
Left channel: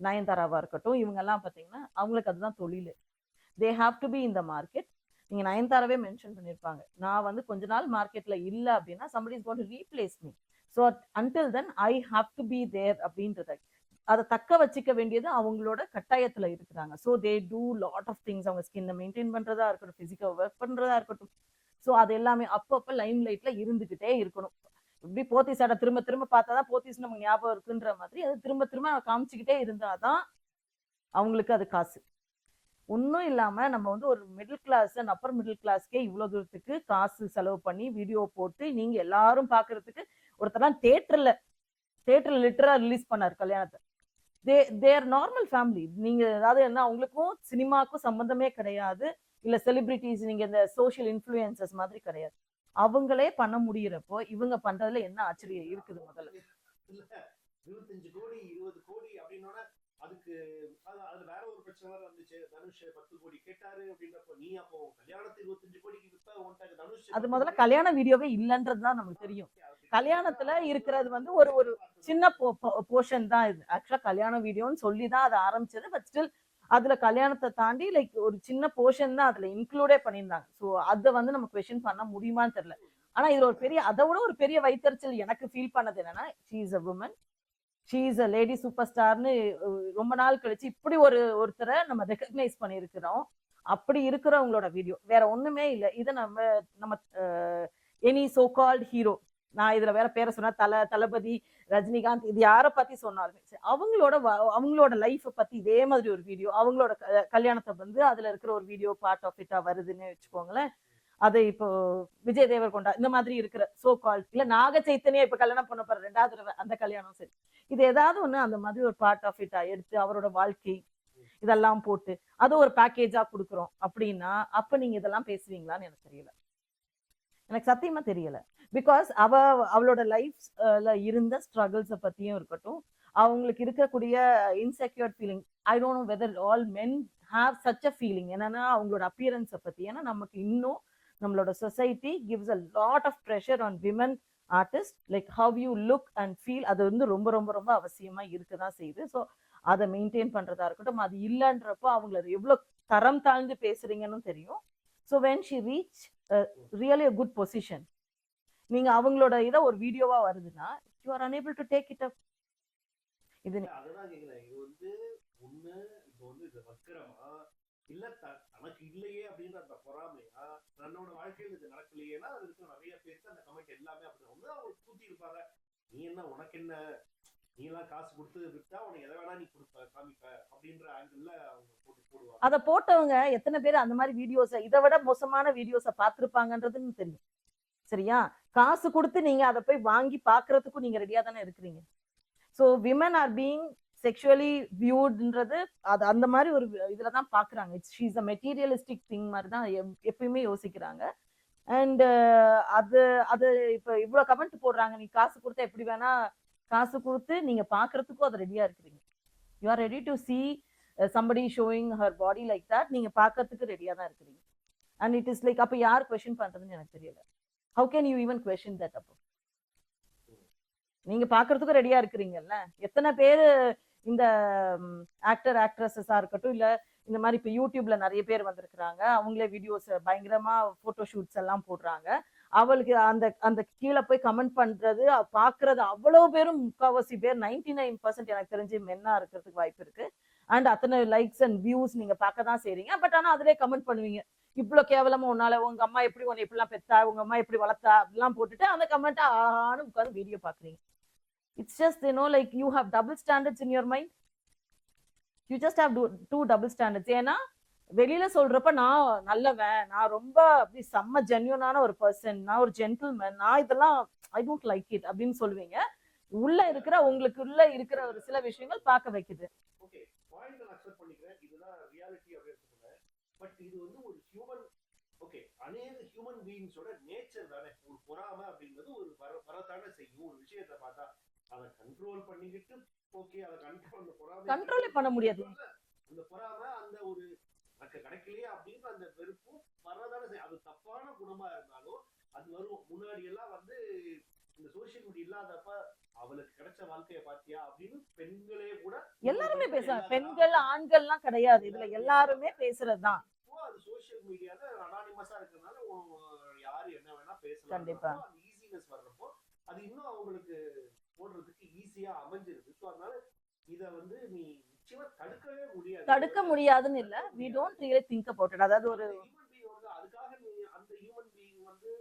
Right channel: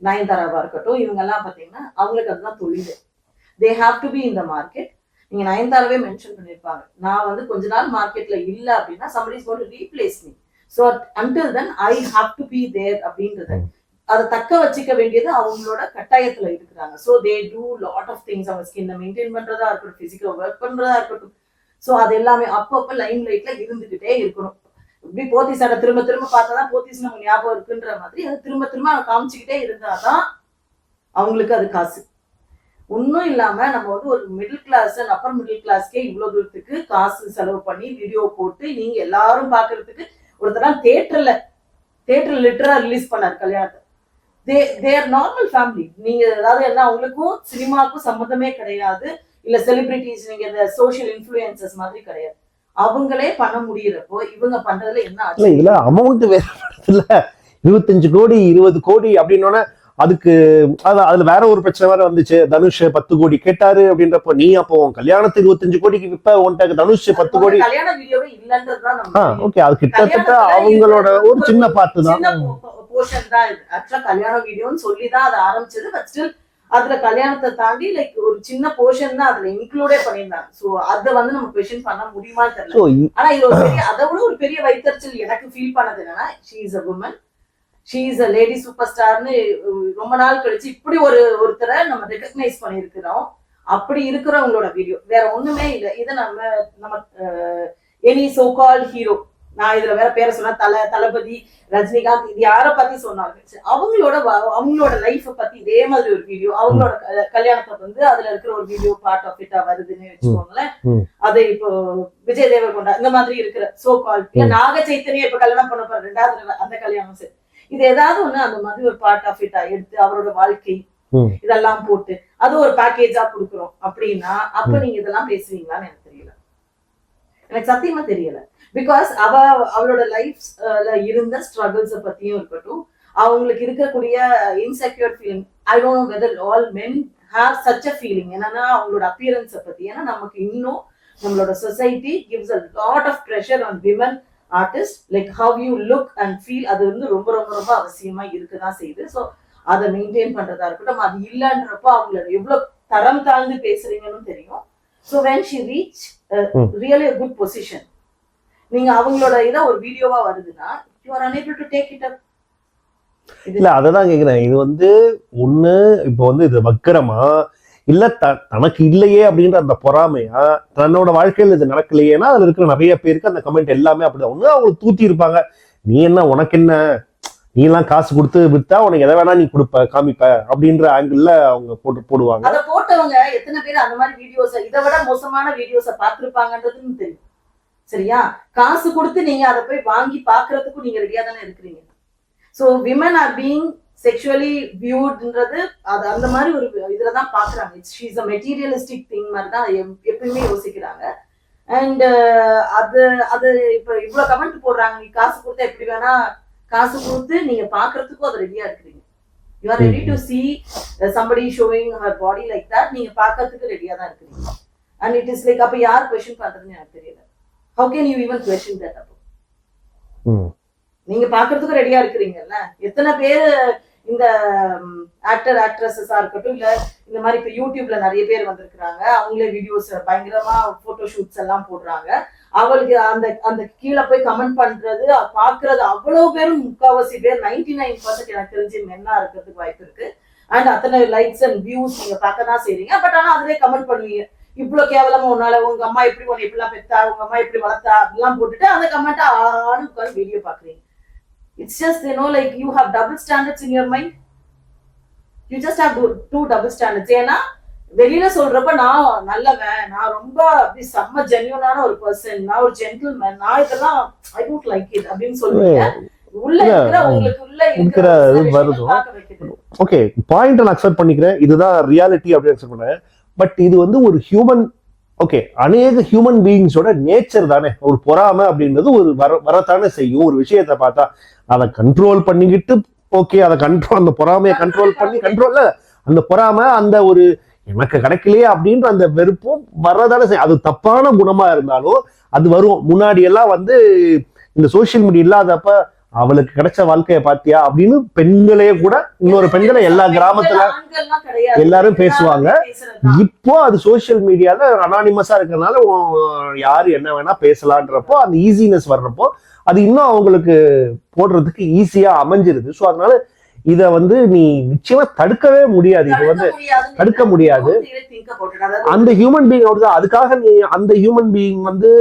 நயன்தாராவா இருக்கட்டும், இவங்க எல்லாம் பாத்தீங்கன்னா அவங்களுக்கு அதுதான் தொழில். They have to be in the market. நீங்க நயன்தாராவே மென்ஷன் பண்ணிருப்பாங்க, நான் வந்து கொஞ்ச நாள் மார்க்கெட்ல இல்ல அப்படின்னா somebody is going to replace me. So until then I have to be there அப்படின்றது அதை தக்க வச்சுக்க வேண்டியது அவங்களோட கட்டாயத்துல இருக்கிறாங்க. So they do lot of things. அவங்க ஸ்கின்னை மெயின்டைன் பண்றதா இருக்கட்டும், பிசிக்கல் ஒர்க் பண்றதா இருக்கட்டும். ஸோ அது எல்லாமே அப்பப்ப லைம் லைட்ல இருந்துகிட்டே இருக்கணும். இப்படி போத்தீஸான திரும்ப திரும்ப பார்த்தாதான் போத்தீஸ் நம்ம ஞாபகம் இருக்குன்ற மாதிரி அதை திரும்ப திரும்ப காமிச்சுக்கிட்டே இருந்தாதான் அவங்களுக்கு அது காசு. ஒன்னும் இல்லாம நம்ம வந்து ஒரு மிடில் கிளாஸ், அப்பர் மிடில் கிளாஸ்க்கே இவ்வளவு தூரத்துக்கு காசு செலவு பண்ணி வீடியோ போட்டு நீங்க எல்லாரும் பாக்குறதுக்கு ஒருத்தர் தியேட்டர்ல லிட்டரா ரிலீஸ் பண்ணாரு கல்யாணத்தை. they are normal family. நீங்க அதாவது என்ன, அவங்களுக்கும் சினிமாவுக்கும் சம்மந்தமே கிடையாது. இல்ல செலிபிரிட்டிஸ், நீங்க இந்த சோஷியல் இன்ஃப்ளூயன்சஸ் மாதிரி கிடையாது. அவங்களே பண்ண முடியறப்போ இவங்க பண்றதுல என்ன ஆச்சு? இதுல அமௌண்ட் வேற இல்ல, 25 கோடி 20 கோடி அப்படின்னோட அதுக்கு அதுல வேற ஒரு பிரச்சனை வேற வந்துச்சு. தனுஷ் 10 கோடி கேட்டாரு அப்படின்றப்போ நீ அப்போ கல்யாணத்துக்கு 25 கோடிக்கு விப்ப உன்ட்ட தனுஷ் 10 கோடி கல்யாண வீடியோவே இல்லன்றதுதான். ஓகே, அது கிட்டத்தட்ட அவங்களோட ஒரு சின்ன பார்ட் தான், போர்ஷன் தான் இது. ஆக்சுவலா கல்யாண வீடியோன்னு சொல்லிதான் அது ஆரம்பிச்சது. பட் ஸ்டில் அதுல கல்யாணத்தை தாண்டி லைக் ஒரு சின்ன போர்ஷன் தான் அதுல இன்க்ளூடே பண்ணிருந்தாங்க. சோ அத வந்து நம்ம क्वेश्चन பண்ண முடியுமான்னு தெரியல. ஆனா இது ஒரு பெரிய, அதை விட ஒரு பெரிய வைத்தறிச்சல் எனக்கு ஃபீல் பண்ணது என்னன்னா, she is a woman, she is a lady superstarன்னு ரொம்ப நாள் கழிச்சு இப்படி ஒருத்தரை நம்ம ரெகக்னைஸ் பண்ணிருக்கிறோம். அப்படி இருக்கிறவங்களோட வீடியோ வேற ஒண்ணுமே இல்லை. இதை நம்ம எனி சோ கால்ட் ஹீரோ, நான் இதுல வேற பேரை சொன்னா தளபதி, ரஜினிகாந்த், இது யார பத்தி சொன்னாங்க, அவங்களோட லைஃப பத்தி இதே மாதிரி ஒரு வீடியோ, அவங்களோட கல்யாணத்தை வந்து அதுல இருக்கிற ஒரு வீடியோ பார்ட் ஆஃப் இட்டா வருதுன்னு வச்சுக்கோங்களேன். அது இப்போ விஜய் தேவர்கொண்டா இந்த மாதிரி இருக்கிற சோ கால்ட், நாக சைத்தன்யா இப்ப கல்யாணம் பண்ண போற 2வது அந்த கல்யாணம் சரி, இது ஏதாவது ஒண்ணு அந்த மாதிரி ஒரு பார்ட் ஆஃப் இட்டா எடுத்து அவரோட வாழ்க்கை இதெல்லாம் போட்டு அது ஒரு பேக்கேஜா கொடுக்குறோம் அப்படின்னா அப்ப நீங்க இதெல்லாம் பேசுவீங்களான்னு எனக்கு தெரியல. எனக்கு சத்தியமா தெரியல. பிகாஸ் அவளோட லைஃப்ல இருந்த ஸ்ட்ரகிள்ஸ பத்தியும் இருக்கட்டும், அவங்களுக்கு இருக்கக்கூடிய insecure feeling. I don't know whether all men have such a feeling என்னன்னா அவங்களோட அப்பியரன்ஸை பத்தி. ஏன்னா நமக்கு இன்னும் நம்மளோட society gives a lot of pressure on women artists, like how you look and feel. அது வந்து ரொம்ப ரொம்ப ரொம்ப அவசியமா இருக்குதான் செய்யுது. ஸோ அதை மெயின்டைன் பண்றதா இருக்கட்டும், அது இல்லைன்றப்போ அவங்கள எவ்வளவு தரம் தாழ்ந்து பேசுறீங்கன்னு தெரியும். So when she reach really a good position, நீங்க அவங்களோட இதை ஒரு வீடியோவா வருதுன்னா you are unable to take it up. இல்ல அததான் கேக்குறேன். இது வந்து ஒண்ணு இப்போ வந்து இது வக்கரமா இல்ல தனக்கு இல்லையே அப்படின்ற அந்த பொறாமையா, தன்னோட வாழ்க்கையில இது நடக்கலையேன்னா அதுல இருக்கிற நிறைய பேருக்கு அந்த கமெண்ட் எல்லாமே அப்படிதான். ஒண்ணு அவங்களுக்கு தூத்தி இருப்பாங்க, நீ என்ன உனக்கு என்ன, நீ எல்லாம் காசு கொடுத்து வித்தா உனக்கு எதை வேணா நீ கொடுப்ப காமிப்ப அப்படின்ற ஆங்கிள் அவங்க போடுவாங்க. அதை போட்டவங்க எத்தனை பேர் அந்த மாதிரி வீடியோஸ் இதை விட மோசமான வீடியோஸை பார்த்திருப்பாங்கன்றதுன்னு தெரியும். சரியா? காசு கொடுத்து நீங்க அதை போய் வாங்கி பாக்குறதுக்கும் நீங்க ரெடியா தானே இருக்கிறீங்க. So women are being sexually வியூட்ன்றது அது அந்த மாதிரி ஒரு இதுலதான் பாக்குறாங்க. ஷீஸ் அ மெட்டீரியலிஸ்டிக் திங் மாதிரி தான் எப்பயுமே யோசிக்கிறாங்க. அண்ட் அது அது இப்ப இவ்வளவு கமெண்ட் போடுறாங்க, நீ காசு கொடுத்தா எப்படி வேணா, காசு கொடுத்து நீங்க பாக்குறதுக்கும் அது ரெடியா இருக்கிறீங்க. You are ready to C somebody showing her body like that. நீங்க பாக்குறதுக்கு ரெடியா தான் இருக்கிறீங்க. அண்ட் இட் இஸ் லைக் அப்ப யார் கொஸ்டின் பண்றதுன்னு எனக்கு தெரியல. how can you even question that? நீங்க பாக்குறதுக்கு ரெடியா இருக்கிறீங்கல்ல. எத்தனை பேர் இந்த ஆக்டர் ஆக்ட்ரஸஸா இருக்கட்டும், இல்ல இந்த மாதிரி இப்ப யூடியூப்ல நிறைய பேர் வந்திருக்கிறாங்க, அவங்களே வீடியோஸ் பயங்கரமா போட்டோ ஷூட்ஸ் எல்லாம் போடுறாங்க. அவளுக்கு அந்த அந்த கீழே போய் கமெண்ட் பண்றது பாக்குறது அவ்வளவு பேரும், முக்காவாசி பேர் 99% எனக்கு தெரிஞ்சு மென்னா இருக்கிறதுக்கு வாய்ப்பு இருக்கு. அண்ட் அத்தனை லைக்ஸ் அண்ட் வியூஸ் நீங்க பார்க்க தான் செய்றீங்க. பட் ஆனா அதுலயே கமெண்ட் பண்ணுவீங்க, இவ்வளவு கேவலமா உன்னால, உங்க அம்மா எப்படி உன்னை எப்படிலாம் பெத்தா, உங்க அம்மா எப்படி வளர்த்தா அப்படிலாம் போட்டுட்டு அந்த கமெண்ட் ஆன்னு உட்காந்து வீடியோ பாக்குறீங்க. It's just, like you have double standards in your mind. You just have two double standards. ஏன்னா வெளியில சொல்றப்ப நான் நல்லவன், நான் ரொம்ப அப்படி செம்ம ஜென்யூனான ஒரு பர்சன், நான் ஒரு ஜென்டில்மேன், நான் இதெல்லாம் ஐ டோன்ட் லைக் இட் அப்படின்னு சொல்லுவீங்க. உள்ள இருக்கிற உங்களுக்கு உள்ள இருக்கிற வருது. ஓகே, பாயிண்ட் நான் அக்செப்ட் பண்ணிக்கிறேன், இதுதான் ரியாலிட்டி அப்படின்னு அக்செப்ட் பண்றேன். பட் இது வந்து ஒரு ஹியூமன், ஓகே, அநேக ஹியூமன் பீயிங்ஸோட நேச்சர் தானே. ஒரு பொறாமை அப்படின்றது ஒரு வரத்தானே செய்யும். ஒரு விஷயத்த பார்த்தா அதை கண்ட்ரோல் பண்ணிக்கிட்டு, ஓகே, அதை கண்ட்ரோல், அந்த பொறாமையை கண்ட்ரோல் பண்ணி, கண்ட்ரோல்ல அந்த பொறாமை, அந்த ஒரு எனக்கு கிடைக்கலையே அப்படின்ற அந்த வெறுப்பும் வரதானே செய்யும். அது தப்பான குணமா இருந்தாலும் அது வரும். முன்னாடி எல்லாம் வந்து இந்த சோசியல் மீடியா இல்லாதப்ப அவளுக்கு கிடைச்ச வாழ்க்கைய பாத்தியா அப்படின்னு பெண்களே கூட, இன்னொரு பெண்களை எல்லா கிராமத்துல எல்லாரும் பேசுவாங்க. இப்போ அது சோசியல் மீடியால அனானிமஸா இருக்கிறதுனால யாரு என்ன வேணா பேசலான்றப்போ அந்த ஈஸினஸ் வர்றப்போ அது இன்னும் அவங்களுக்கு போடுறதுக்கு ஈஸியா அமைஞ்சிருது. ஸோ அதனால இத வந்து நீ நிச்சயமா தடுக்கவே முடியாது. இது வந்து தடுக்க முடியாது. அந்த ஹியூமன் பீயிங் தான். அதுக்காக நீ அந்த ஹியூமன் பீயிங் வந்து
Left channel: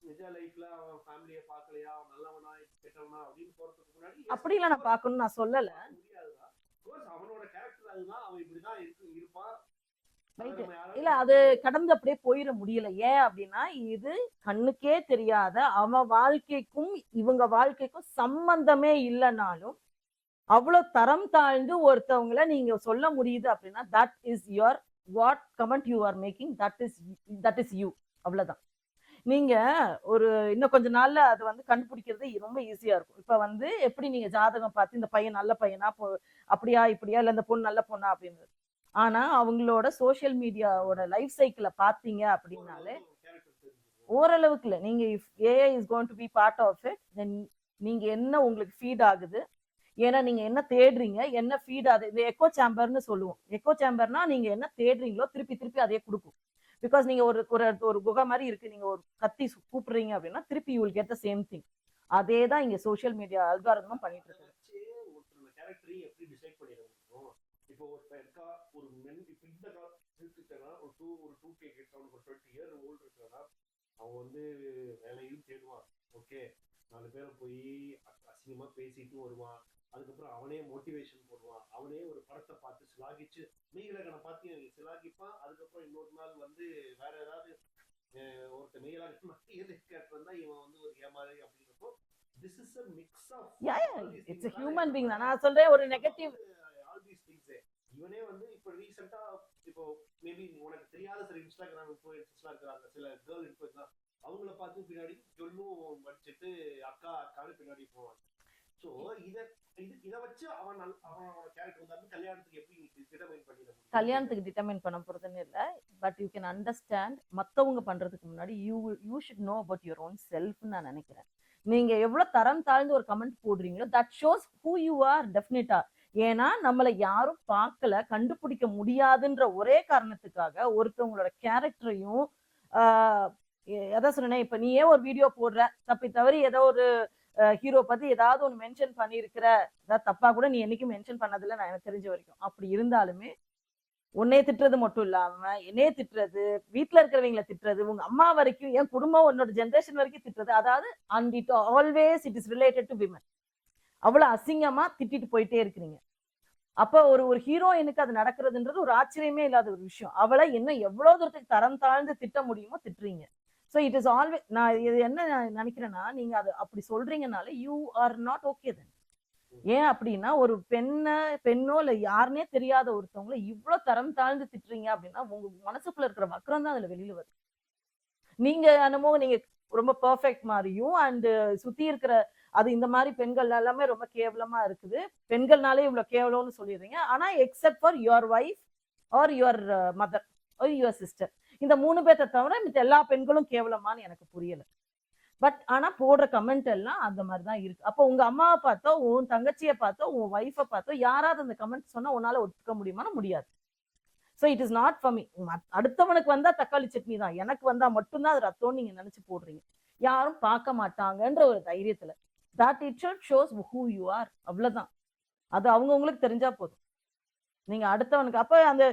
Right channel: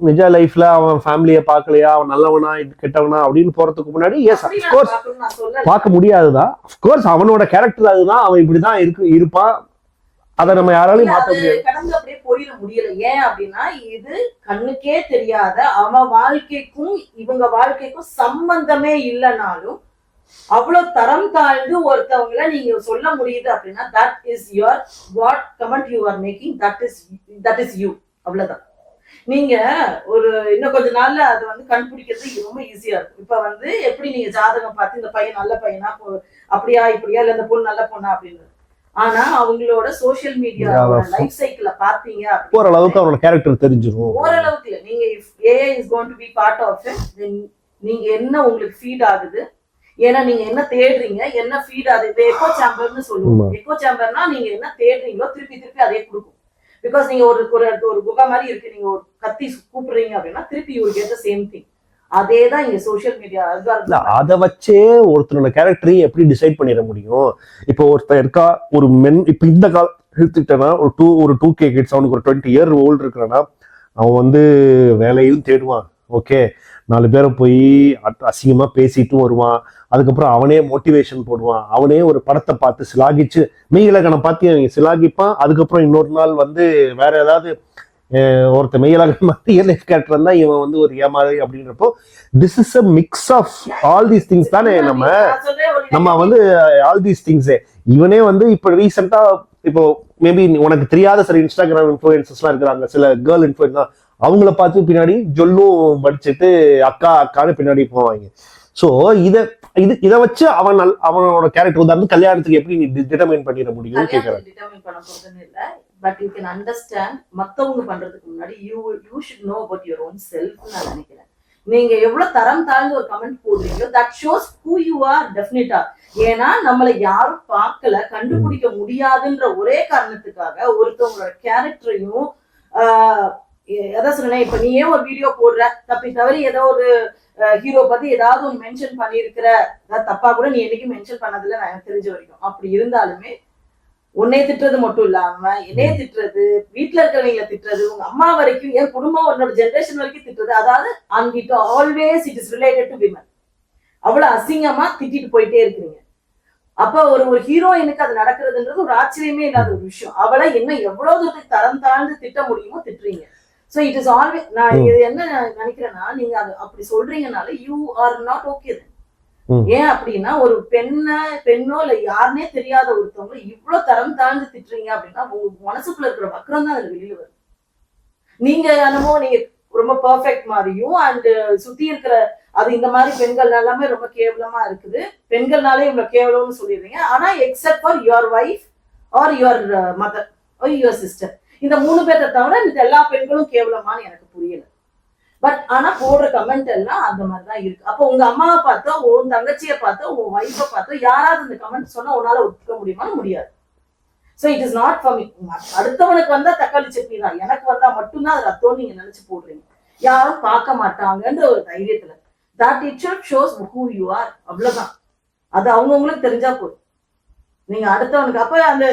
நிஜ லைஃப்ல அவன் ஃபேமிலிய பாக்கலையா, அவன் நல்லவனா கெட்டவனா அப்படின்னு போறதுக்கு முன்னாடி எஸ் அஃப்கோர்ஸ் பார்க்க முடியாதுதான். அஃப்கோர்ஸ் அவனோட கேரக்டர் அதுதான், அவன் இப்படிதான் இருப்பான். அதை நம்ம யாராலையும் மாற்ற முடியாது, கடந்து அப்படியே போயிட முடியல. ஏன் அப்படின்னா இது கண்ணுக்கே தெரியாத அவன் வாழ்க்கைக்கும் இவங்க வாழ்க்கைக்கும் சம்பந்தமே இல்லைனாலும் அவ்வளவு தரம் தாழ்ந்து ஒருத்தவங்களை நீங்க சொல்ல முடியுது அப்படின்னா that is your what comment you are making, that is you. அவ்வளவுதான். நீங்க ஒரு இன்னும் கொஞ்ச நாள்ல அது வந்து கண்டுபிடிக்கிறது ரொம்ப ஈஸியா இருக்கும். இப்ப வந்து எப்படி நீங்க ஜாதகம் பார்த்து இந்த பையன் நல்ல பையனா, அப்படியா இப்படியா, இல்ல இந்த பொண்ணு நல்ல பொண்ணா அப்படின்னு. ஆனா அவங்களோட சோசியல் மீடியா லைஃப் சைக்கிள பாத்தீங்க ஓரளவுக்கு அவரோட கேரக்டர் தெரிஞ்சிரும். ஓரளவுக்கு இல்ல, நீங்க AI is going to be part of it, then நீங்க என்ன உங்களுக்கு ஃபீட் ஆகுது, ஏன்னா நீங்க என்ன தேடுறீங்க, என்ன ஃபீட் ஆகுது. இந்த எக்கோ சேம்பர்னு சொல்லுவோம். எக்கோ சேம்பர்னா நீங்க என்ன தேடுறீங்களோ திருப்பி திருப்பி அதே கொடுக்கும். பிகாஸ் நீங்க ஒரு குகை மாதிரி இருக்கு, நீங்க ஒரு கத்தி கூப்பிடுறீங்க அப்படின்னா திருப்பி you will get the same thing. அதேதான் இங்க சோசியல் மீடியா. அதை வச்சே ஒருத்தரோட கேரக்டரையும் எப்படி டிசைட் பண்ணிட முடியும்? இப்போ ஒருத்தர் இருக்கா, ஒரு மென், இப்ப இந்த கால எடுத்துக்கிட்டேன்னா ஒரு 2K கிட்ஸ், அவனுக்கு ஒரு 20 year old இருக்கிறான்னா அவன் வந்து வேலையும் தேடுவான். ஓகே, 4 பேரை போய் அசிங்கமா பேசிட்டும் வருவான். அதுக்கப்புறம் அவனே மோட்டிவேஷன் போடுவான். அவனே ஒரு படத்தை பார்த்து சிலாகிச்சு மெய்யிலக்கணம் பார்த்து அவங்க சிலாகிப்பான். அதுக்கப்புறம் இன்னொரு நாள் வந்து வேற ஏதாவது ஒருத்த மெய்யிலக்கணம் பார்த்து ரியல் லைஃப் கேரக்டர் இருந்தா இவன் வந்து ஒரு ஏமாறு அப்படின்றப்போ this is a mix of all these things தானே. நம்ம வந்து ஆல் தீஸ் திங்ஸே இவனே வந்து இப்போ ரீசெண்டா இப்போ மேபி உனக்கு தெரியாத சில இன்ஸ்டாகிராம் இன்ஃபுளுசர்ஸ்லாம் இருக்கிறாங்க, சில கேர்ள் இன்ஃபுளுசர் தான். அவங்கள பார்த்து பின்னாடி ஜொல்லும் படிச்சுட்டு அக்கா அக்கான்னு பின்னாடி போவாங்க. ஸோ இதை இதை வச்சு அவனோட கேரக்டர் உதாரணம் கல்யாணத்துக்கு எப்படி நீ டிட்டர்மைன் பண்ணிட முடியும் கேக்குறேன். டிட்டர்மைன் பண்ண போறதுன்னு இல்ல, பட் யூ கேன் அண்டர்ஸ்டாண்ட் மத்தவங்க பண்றதுக்கு முன்னாடி you should know about your own self நான் நினைக்கிறேன். நீங்க எவ்வளவு தரம் தாழ்ந்து ஒரு கமெண்ட் போடுறீங்களோ that shows who you are டெஃபினட்டா. ஏன்னா நம்மளை யாரும் பார்க்கல, கண்டுபிடிக்க முடியாதுன்ற ஒரே காரணத்துக்காக ஒருத்தவங்களோட கேரக்டரையும் அதான் சொன்னேன். இப்ப நீயே ஒரு வீடியோ போடுற, தப்பி தவறி ஏதோ ஒரு ஹீரோ பத்தி ஏதாவது ஒன்று மென்ஷன் பண்ணியிருக்கிற, அதாவது தப்பா கூட நீ என்னைக்கும் மென்ஷன் பண்ணதில்லை நான் எனக்கு தெரிஞ்ச வரைக்கும். அப்படி இருந்தாலுமே உன்னைய திட்டுறது மட்டும் இல்லாம என்னைய திட்டுறது, வீட்டுல இருக்கிறவங்களை திட்டுறது, உங்க அம்மா வரைக்கும், என் குடும்பம் உன்னோட ஜென்ரேஷன் வரைக்கும் திட்டுறது, அதாவது and it always it is related to women. அவ்வளவு அசிங்கமா திட்டிட்டு போயிட்டே இருக்கிறீங்க. அப்ப ஒரு ஹீரோயினுக்கு அது நடக்கிறதுன்றது ஒரு ஆச்சரியமே இல்லாத ஒரு விஷயம். அவளை என்ன எவ்வளவு தூரத்துக்கு தரம் தாழ்ந்து திட்ட முடியுமோ திட்டுறீங்க. ஸோ இட் இஸ் ஆல்வேஸ், நான் இது என்ன நினைக்கிறேன்னா, நீங்க அது அப்படி சொல்றீங்கனால யூ ஆர் நாட் ஓகே. ஏன் அப்படின்னா ஒரு பெண்ணோ இல்ல யாருன்னே தெரியாத ஒருத்தவங்க இவ்வளவு தரம் தாழ்ந்து திட்டுறீங்க அப்படின்னா உங்க மனசுக்குள்ள இருக்கிற வக்கரம் தான் அதுல வெளியில வரும். நீங்க என்னமோ நீங்க ரொம்ப பெர்ஃபெக்ட் மாதிரியும் அண்ட் சுத்தி இருக்கிற அது இந்த மாதிரி பெண்கள் எல்லாமே ரொம்ப கேவலமா இருக்குது, பெண்கள்னாலே இவ்வளவு கேவலம்னு சொல்லிடுறீங்க. ஆனா except for your wife or your mother or your sister, இந்த 3 பேர்த்த தவிர இந்த எல்லா பெண்களும் கேவலமான்னு எனக்கு புரியல. பட் ஆனா போடுற கமெண்ட் எல்லாம் அந்த மாதிரிதான் இருக்கு. அப்போ உங்க அம்மாவை பார்த்தோ, உன் தங்கச்சியை பார்த்தோ, உன் வைஃபை பார்த்தோ யாராவது இந்த கமெண்ட் சொன்னா உன்னால ஒத்துக்க முடியுமா? முடியாது. So it is not for me. அடுத்தவனுக்கு வந்தா தக்காளி சட்னி தான், எனக்கு வந்தா மட்டும்தான் அது ரத்தம் நீங்க நினைச்சு போடுறீங்க. யாரும் பார்க்க மாட்டாங்கன்ற ஒரு தைரியத்துல that itself shows who you are. அவ்வளவுதான். அது அவங்கவுங்களுக்கு தெரிஞ்சா போதும். நீங்க அடுத்தவனுக்கு அப்ப அந்த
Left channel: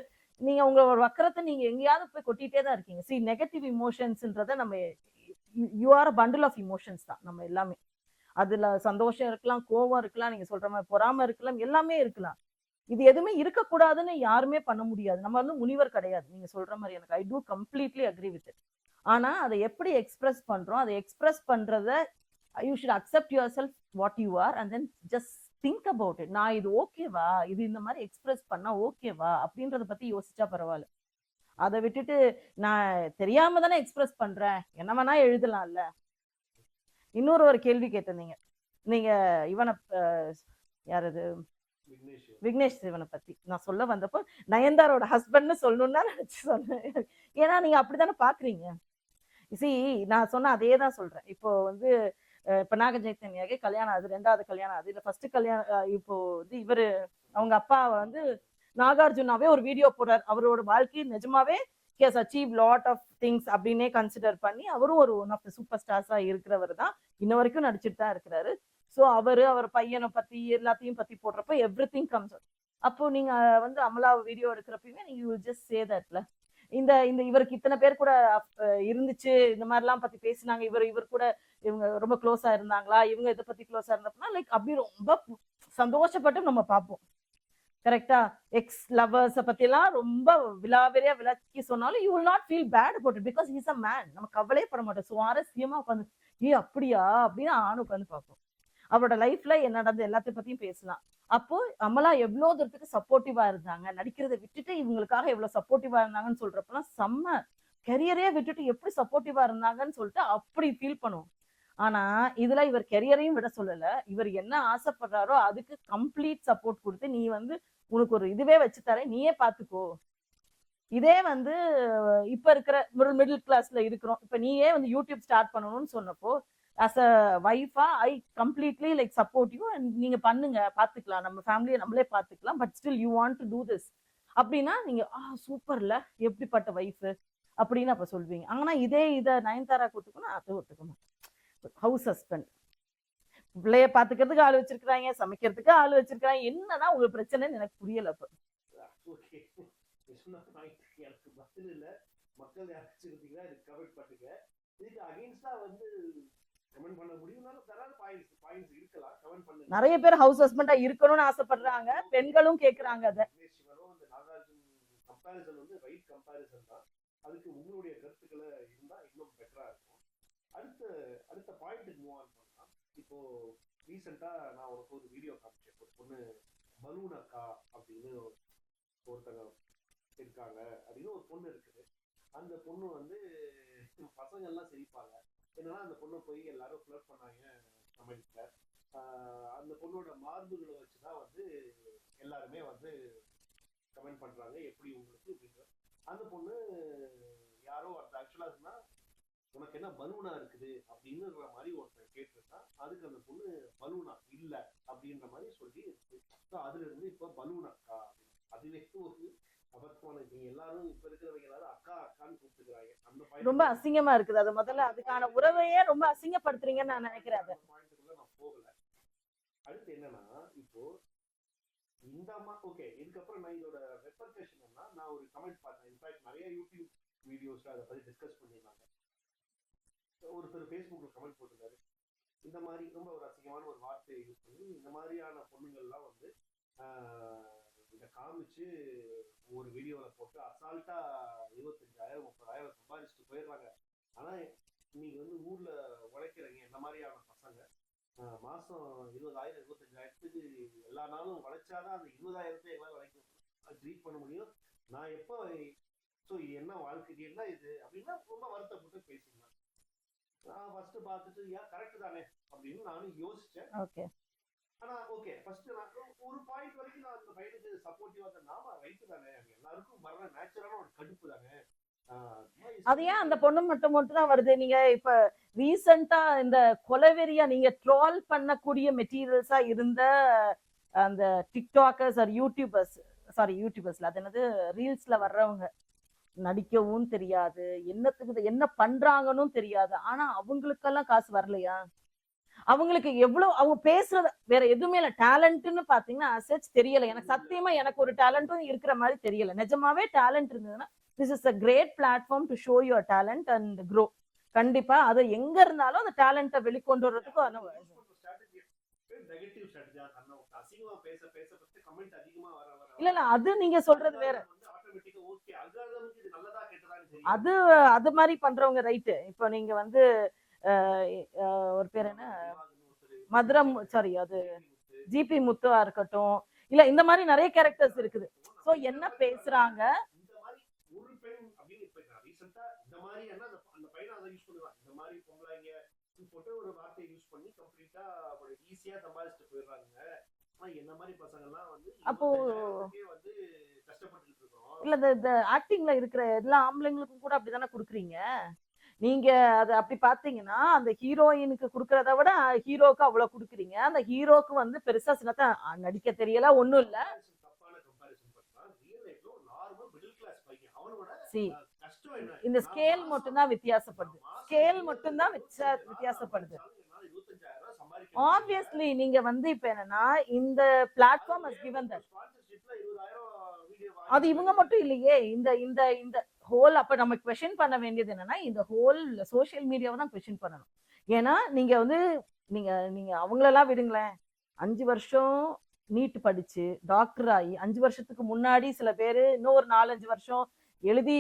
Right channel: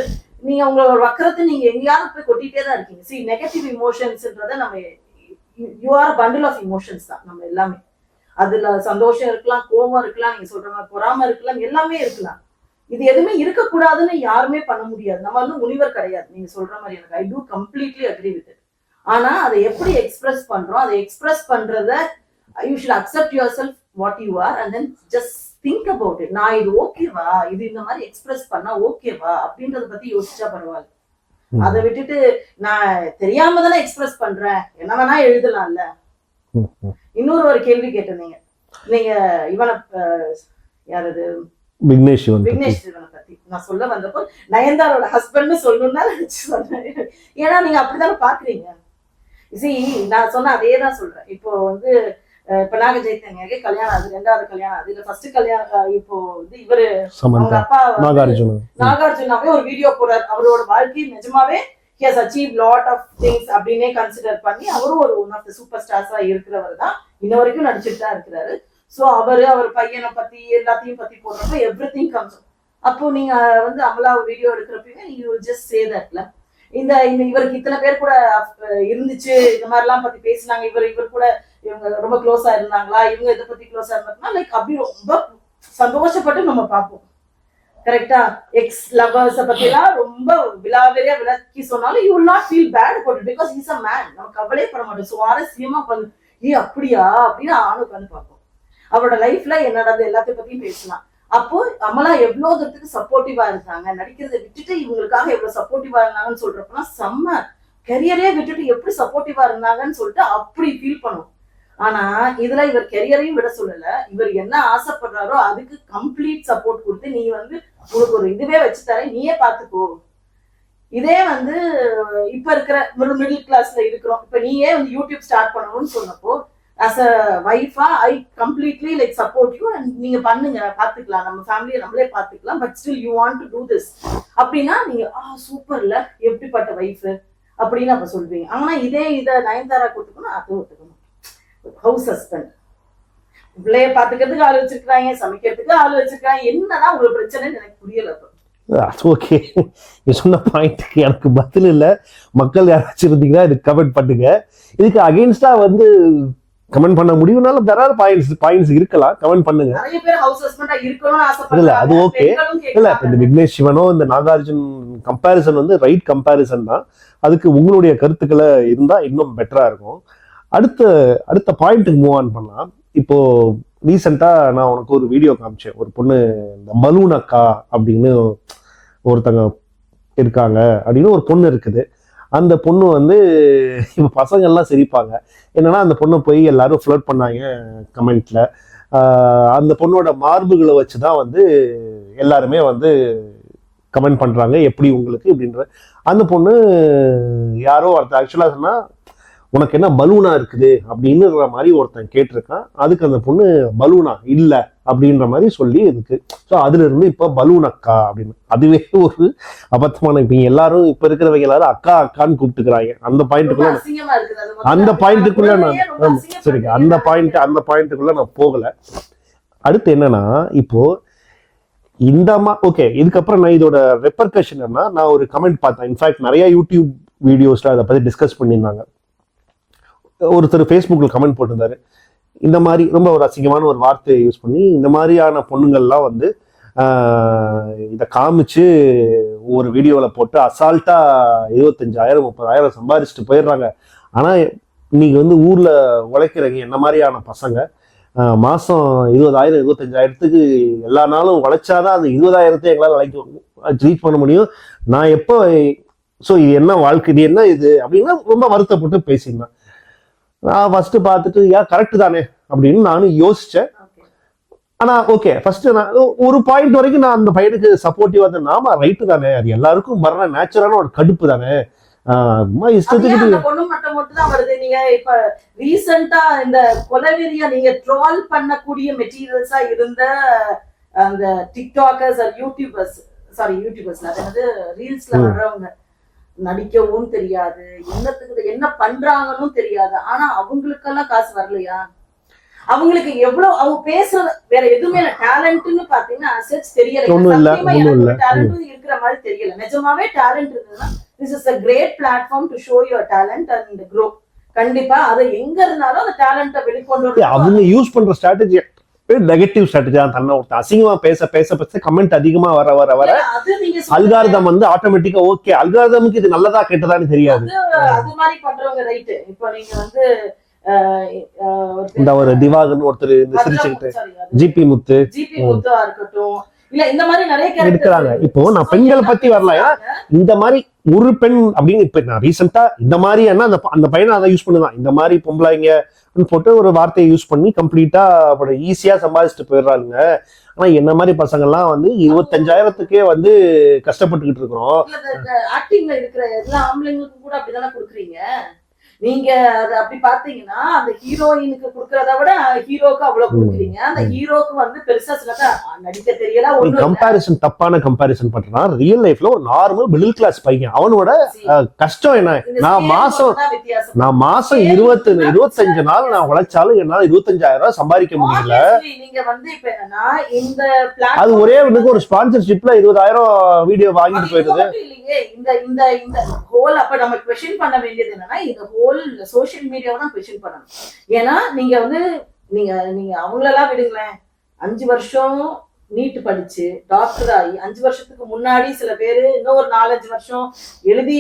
நீங்க உங்களோட வக்கரத்தை நீங்க எங்கேயாவது போய் கொட்டிட்டே தான் இருக்கீங்க. சி நெகட்டிவ் இமோஷன்ஸ்ன்றத நம்ம you are bundle of emotions தான் நம்ம எல்லாமே. அதுல சந்தோஷம் இருக்கலாம், கோபம் இருக்கலாம், நீங்க சொல்ற மாதிரி பொறாம இருக்கலாம், எல்லாமே இருக்கலாம். இது எதுவுமே இருக்கக்கூடாதுன்னு யாருமே பண்ண முடியாது. நம்ம வந்து முனிவர் கிடையாது நீங்க சொல்ற மாதிரி. எனக்கு I do completely agree with it. ஆனா அதை எப்படி எக்ஸ்பிரஸ் பண்றோம், அதை எக்ஸ்பிரஸ் பண்றத you should accept your self what you are and then just think about it. நான் இது ஓகேவா, இது இந்த மாதிரி எக்ஸ்பிரஸ் பண்ணா ஓகேவா அப்படின்றத பத்தி யோசிச்சா பரவாயில்ல. அதை விட்டுட்டு நான் தெரியாம தானே எக்ஸ்பிரஸ் பண்றேன், என்ன வேணா எழுதலாம்ல. இன்னொரு ஒரு கேள்வி கேட்டிருந்தீங்க நீங்க, இவனை யாரது விக்னேஷ் சிவனை பத்தி நான் சொல்ல வந்தப்போ நயன்தாரோட ஹஸ்பண்ட்னு சொல்லணும்னா நினைச்சு சொன்னேன். ஏன்னா நீங்க அப்படித்தானே பாக்குறீங்க. நான் சொன்ன அதே தான் சொல்றேன். இப்போ வந்து இப்ப நாக சைத்தன்யாக்கு கல்யாணம் ஆகுது, 2வது கல்யாணம் ஆகுது, இல்ல ஃபர்ஸ்ட் கல்யாணம். இப்போ வந்து இவரு அவங்க அப்பா நாகார்ஜுனாவே ஒரு வீடியோ போடுறாரு. அவரோட வாழ்க்கை நிஜமாவே he has achieved lot of things அப்படின்னே கன்சிடர் பண்ணி அவரும் ஒரு ஒன் ஆஃப் த சூப்பர் ஸ்டார்ஸா இருக்கிறவர் தான். இன்ன வரைக்கும் நடிச்சுட்டு தான் இருக்கிறாரு. சோ அவர் பையனை பத்தி எல்லாத்தையும் பத்தி போடுறப்ப எவ்ரிதிங் கம்ஸ். அப்போ நீங்க வந்து அமலா வீடியோ எடுக்கிறப்ப யூ ஜஸ்ட் சே தட்ல இந்த இவருக்கு இத்தனை பேர் கூட இருந்துச்சு, இந்த மாதிரி எல்லாம் பத்தி பேசினாங்க, இவர் கூட இவங்க ரொம்ப க்ளோஸா இருந்தாங்களா, இவங்க இதை பத்தி க்ளோஸா இருந்தாங்கன்னா லைக் அப்படி ரொம்ப சந்தோஷப்பட்டு நம்ம பார்ப்போம். கரெக்டா? எக்ஸ் லவர்ஸ் பத்தி எல்லாம் ரொம்ப விலாவரியா விளக்கி சொன்னாலும் you will not feel bad about it because he's a man. நம்ம கவலையே பண்ண மாட்டோம். சுவாரஸ்யமா உட்காந்து அப்படியா அப்படின்னு ஆணு உட்காந்து பார்ப்போம். அவரோட லைஃப்ல என்ன நடந்தது எல்லாத்தையும் பத்தியும் பேசலாம். அப்போ அமலா எவ்வளவு தூரத்துக்கு சப்போர்ட்டிவா இருந்தாங்க, நடிக்கிறதை விட்டுட்டு இவங்களுக்காக எவ்வளவு சப்போர்ட்டிவா இருந்தாங்கன்னு சொல்றப்பெல்லாம் செம்ம கெரியரே விட்டுட்டு எப்படி சப்போர்ட்டிவா இருந்தாங்கன்னு சொல்லிட்டு அப்படி ஃபீல் பண்ணுவோம். ஆனா இதுல இவர் கெரியரையும் விட சொல்லல, இவர் என்ன ஆசைப்படுறாரோ அதுக்கு கம்ப்ளீட் சப்போர்ட் கொடுத்து நீ வந்து உனக்கு ஒரு இதுவே வச்சு தரேன், நீயே பாத்துக்கோ. இதே வந்து இப்ப இருக்கிற மிடில் கிளாஸ்ல இருக்கிறோம், இப்ப நீயே வந்து யூடியூப் ஸ்டார்ட் பண்ணணும்னு சொன்னப்போ as a wife I completely like support you and நீங்க பண்ணுங்க, பாத்துக்கலாம், நம்ம ஃபேமிலியை நம்மளே பாத்துக்கலாம், but still you want to do this அப்படின்னா நீங்க சூப்பர்ல எப்படிப்பட்ட வைஃப் அப்படின்னு அப்ப சொல்றீங்க. ஆனா இதை நயன்தாரா கொடுத்துக்கணும், அது ஒத்துக்கணும். ஹவுஸ் ஹஸ்பண்ட் பிள்ளைய பாத்துக்கிறதுக்கு ஆள் வச்சிருக்காங்க, சமைக்கிறதுக்கு ஆள் வச்சிருக்காங்க, என்னன்னா உங்களுக்கு பிரச்சனைன்னு எனக்கு புரியல. ஓகே, நீ சொன்ன பாயிண்ட்க்கு எனக்கு பதில் இல்லை. மக்கள் யாராச்சும் இருந்தீங்கன்னா இதுக்கு கமெண்ட் பண்ணுங்க. இதுக்கு அகைன்ஸ்டா வந்து கமெண்ட் பண்ண முடியும்னாலும் தராத பாயிண்ட்ஸ் இருக்கலாம், கமெண்ட் பண்ணுங்க. நிறைய பேர் ஹவுஸ் ஹஸ்பண்டா இருக்கணும்னு ஆசைப்படுறாங்க. இல்ல அது ஓகே. இல்ல இந்த விக்னேஷ் சிவனோ இந்த நாகார்ஜுன் கம்பேரிசன் வந்து ரைட் கம்பேரிசன் தான். அதுக்கு உங்களுடைய கருத்துக்களை இருந்தா இன்னும் பெட்டரா இருக்கும். அடுத்த பாயிண்ட்டுக்கு மூவ் ஆன் பண்ணலாம். இப்போ ரீசெண்டா நான் உனக்கு ஒரு வீடியோ காமிச்சேன். ஒரு பொண்ணு இந்த பலூன் அக்கா அப்படின்னு ஒருத்தங்க இருக்காங்க அப்படின்னு ஒரு பொண்ணு இருக்குது. அந்த பொண்ணு வந்து இப்போ பசங்கள்லாம் சிரிப்பாங்க. என்னன்னா அந்த பொண்ணை போய் எல்லாரும் ஃப்ளர்ட் பண்ணாங்க கமெண்ட்ல. அந்த பொண்ணோட மார்புகளை வச்சுதான் வந்து எல்லாருமே வந்து கமெண்ட் பண்றாங்க எப்படி உங்களுக்கு அப்படின்ற. அந்த பொண்ணு யாரோ ஒருத்தர் ஆக்சுவலா சொன்னா உனக்கு என்ன பலூனா இருக்குது அப்படின்னு மாதிரி ஒருத்தன் கேட்டிருக்கான். அதுக்கு அந்த பொண்ணு பலூனா இல்ல அப்படின்ற மாதிரி சொல்லி இருக்கு. ஸோ அதுல இருந்து இப்ப பலூன் அக்கா அப்படின்னு அதுவே ஒரு அபத்தமான. இப்ப எல்லாரும் இப்ப இருக்கிறவங்க எல்லாரும் அக்கா அக்கான்னு கூப்பிட்டுக்கிறாங்க. அந்த பாயிண்ட்டுக்குள்ள நான் சரிங்க அந்த பாயிண்ட்டுக்குள்ள நான் போகல. அடுத்து என்னன்னா இப்போ இந்த ஓகே இதுக்கப்புறம் நான் இதோட ரெப்பர்கஷன் என்ன, நான் ஒரு கமெண்ட் பார்த்தேன். இன்ஃபேக்ட் நிறைய யூடியூப் வீடியோஸ்ல அதை பத்தி டிஸ்கஸ் பண்ணியிருந்தாங்க. ஒருத்தர் ஃபேஸ்புக்ல கமெண்ட் போட்டிருந்தாரு, இந்த மாதிரி ரொம்ப ஒரு அசிங்கமான ஒரு வார்த்தையை யூஸ் பண்ணி இந்த மாதிரியான பொண்ணுங்கள்லாம் வந்து இதை காமிச்சு ஒரு வீடியோவில் போட்டு அசால்ட்டா 25,000 30,000 சம்பாதிச்சுட்டு போயிடுறாங்க. ஆனால் இன்னைக்கு வந்து ஊர்ல உழைக்கிறவங்க என்ன மாதிரியான பசங்க மாசம் 20,000 25,000த்துக்கு எல்லா நாளும் உழைச்சாதான் அந்த 20,000 எங்களால் ரீச் பண்ண முடியும். நான் எப்போ ஸோ இது என்ன வாழ்க்கை, இது என்ன இது அப்படின்னா ரொம்ப வருத்தப்பட்டு பேசியிருந்தேன். நான் ஃபர்ஸ்ட் பார்த்துட்டு ஏன் கரெக்ட் தானே அப்படின்னு நானும் யோசிச்சேன். ஆனா ஓகே ஃபர்ஸ்ட் நான் ஒரு பாயிண்ட் வரைக்கும் நான் அந்த பையனுக்கு சப்போர்ட்டிவா இருந்தேன். நாம ரைட்டு தானே, அது எல்லாருக்கும் வர்ற நேச்சுரலான ஒரு கடுப்பு தானே, இஷ்டத்துக்கு பொண்ணு மட்டும் தான் வருது. நீங்க இப்ப ரீசெண்டா இந்த கொலவெறியா நீங்க ட்ரால் பண்ணக்கூடிய மெட்டீரியல்ஸா இருந்த அந்த டிக்டாக்கர்ஸ் யூடியூபர்ஸ் அது வந்து ரீல்ஸ்ல வர்றவங்க நடிக்கவும் தெரியாது, என்னத்துக்கு என்ன பண்றாங்கன்னு தெரியாது. ஆனா அவங்களுக்கெல்லாம் காசு வரலையா? அவங்களுக்கு எவ்வளவு அவங்க பேசுறது வேற எதுவுமே இல்ல. டேலண்ட்னு பாத்தீங்கன்னா அசெட்ஸ் தெரியல. டேலண்டும் இருக்கிற மாதிரி தெரியல. நிஜமாவே டேலண்ட் இருந்ததுன்னா this is a great platform to show your talent and grow. கண்டிப்பா அது எங்க இருந்தாலும் அந்த டேலண்ட்டை வெளிக்கொண்டு வர அவங்க யூஸ் பண்ற ஸ்ட்ராட்டஜி நெகட்டிவ் ஸ்ட்ராட்டஜி தான். தன்னை அசிங்கமா பேச பேச பேச கமெண்ட் அதிகமா வர வர வர அல்காரிதம் வந்து ஆட்டோமேட்டிக்கா ஓகே அல்காரிதமுக்கு இது நல்லதா கெட்டதான்னு தெரியாது. அது மாதிரி பண்றவங்க ரைட். இப்போ நீங்க வந்து இந்த ஒரு திவாகர் ஒருத்தர் ஜிபி முத்துவா இருக்கட்டும், இல்ல இந்த மாதிரி நிறைய இருக்கிறாங்க. இப்போ நான் பெண்களை பத்தி வரல, இந்த மாதிரி ஒரு பெண் அப்படின்னு இப்ப நான் ரீசெண்டா இந்த மாதிரி அந்த பையனை அதை யூஸ் பண்ணுதான். இந்த மாதிரி பொம்பளைங்க போட்டு ஒரு வார்த்தையை யூஸ் பண்ணி கம்ப்ளீட்டா ஈஸியா சம்பாதிச்சுட்டு போயிடுறாங்க. ஆனா என்ன மாதிரி பசங்க எல்லாம் வந்து 25,000த்துக்கே வந்து கஷ்டப்பட்டுக்கிட்டு இருக்கிறோம். ஆக்டிங்ல இருக்கிற எல்லா ஆம்பளைங்களுக்கும் கூட அப்படிதானே கொடுக்குறீங்க நீங்க. அது அப்படி பாத்தீங்கன்னா அந்த ஹீரோயினுக்கு குடுக்கறத விட ஹீரோக்கு அவ்வளவு கொடுக்குறீங்க. அந்த ஹீரோக்கு வந்து பெருசா சில நடிக்க தெரியல. ஒரு கம்பாரிசன் தப்பான கம்பாரிசன் பண்றான். ரியல் லைஃப்ல ஒரு நார்மல் மிடில் கிளாஸ் பையன் அவனோட கஷ்டம் என்ன, நான் மாசம் 25 நாள் நான் உழைச்சாலும் என்னால 25,000 சம்பாதிக்க முடியல. நீங்க வந்து இப்ப என்னன்னா இந்த அது ஒரே ஒரு ஸ்பான்சர்ஷிப்ல 20,000 வீடியோ வாங்கிட்டு போயிடுது இல்லையே. இந்த ஹோல் அப்ப நம்ம क्वेश्चन பண்ண வேண்டியது என்னன்னா இந்த ஹோல் சோஷியல் மீடியாவை தான் क्वेश्चन பண்ணணும். ஏன்னா நீங்க வந்து நீங்க அவங்களெல்லாம் விடுங்களேன். 5 வருஷம் நீட் படிச்சு டாக்டர் ஆகி 5 வருஷத்துக்கு முன்னாடி சில பேரு இன்னும் ஒரு 4-5 வருஷம் எழுதி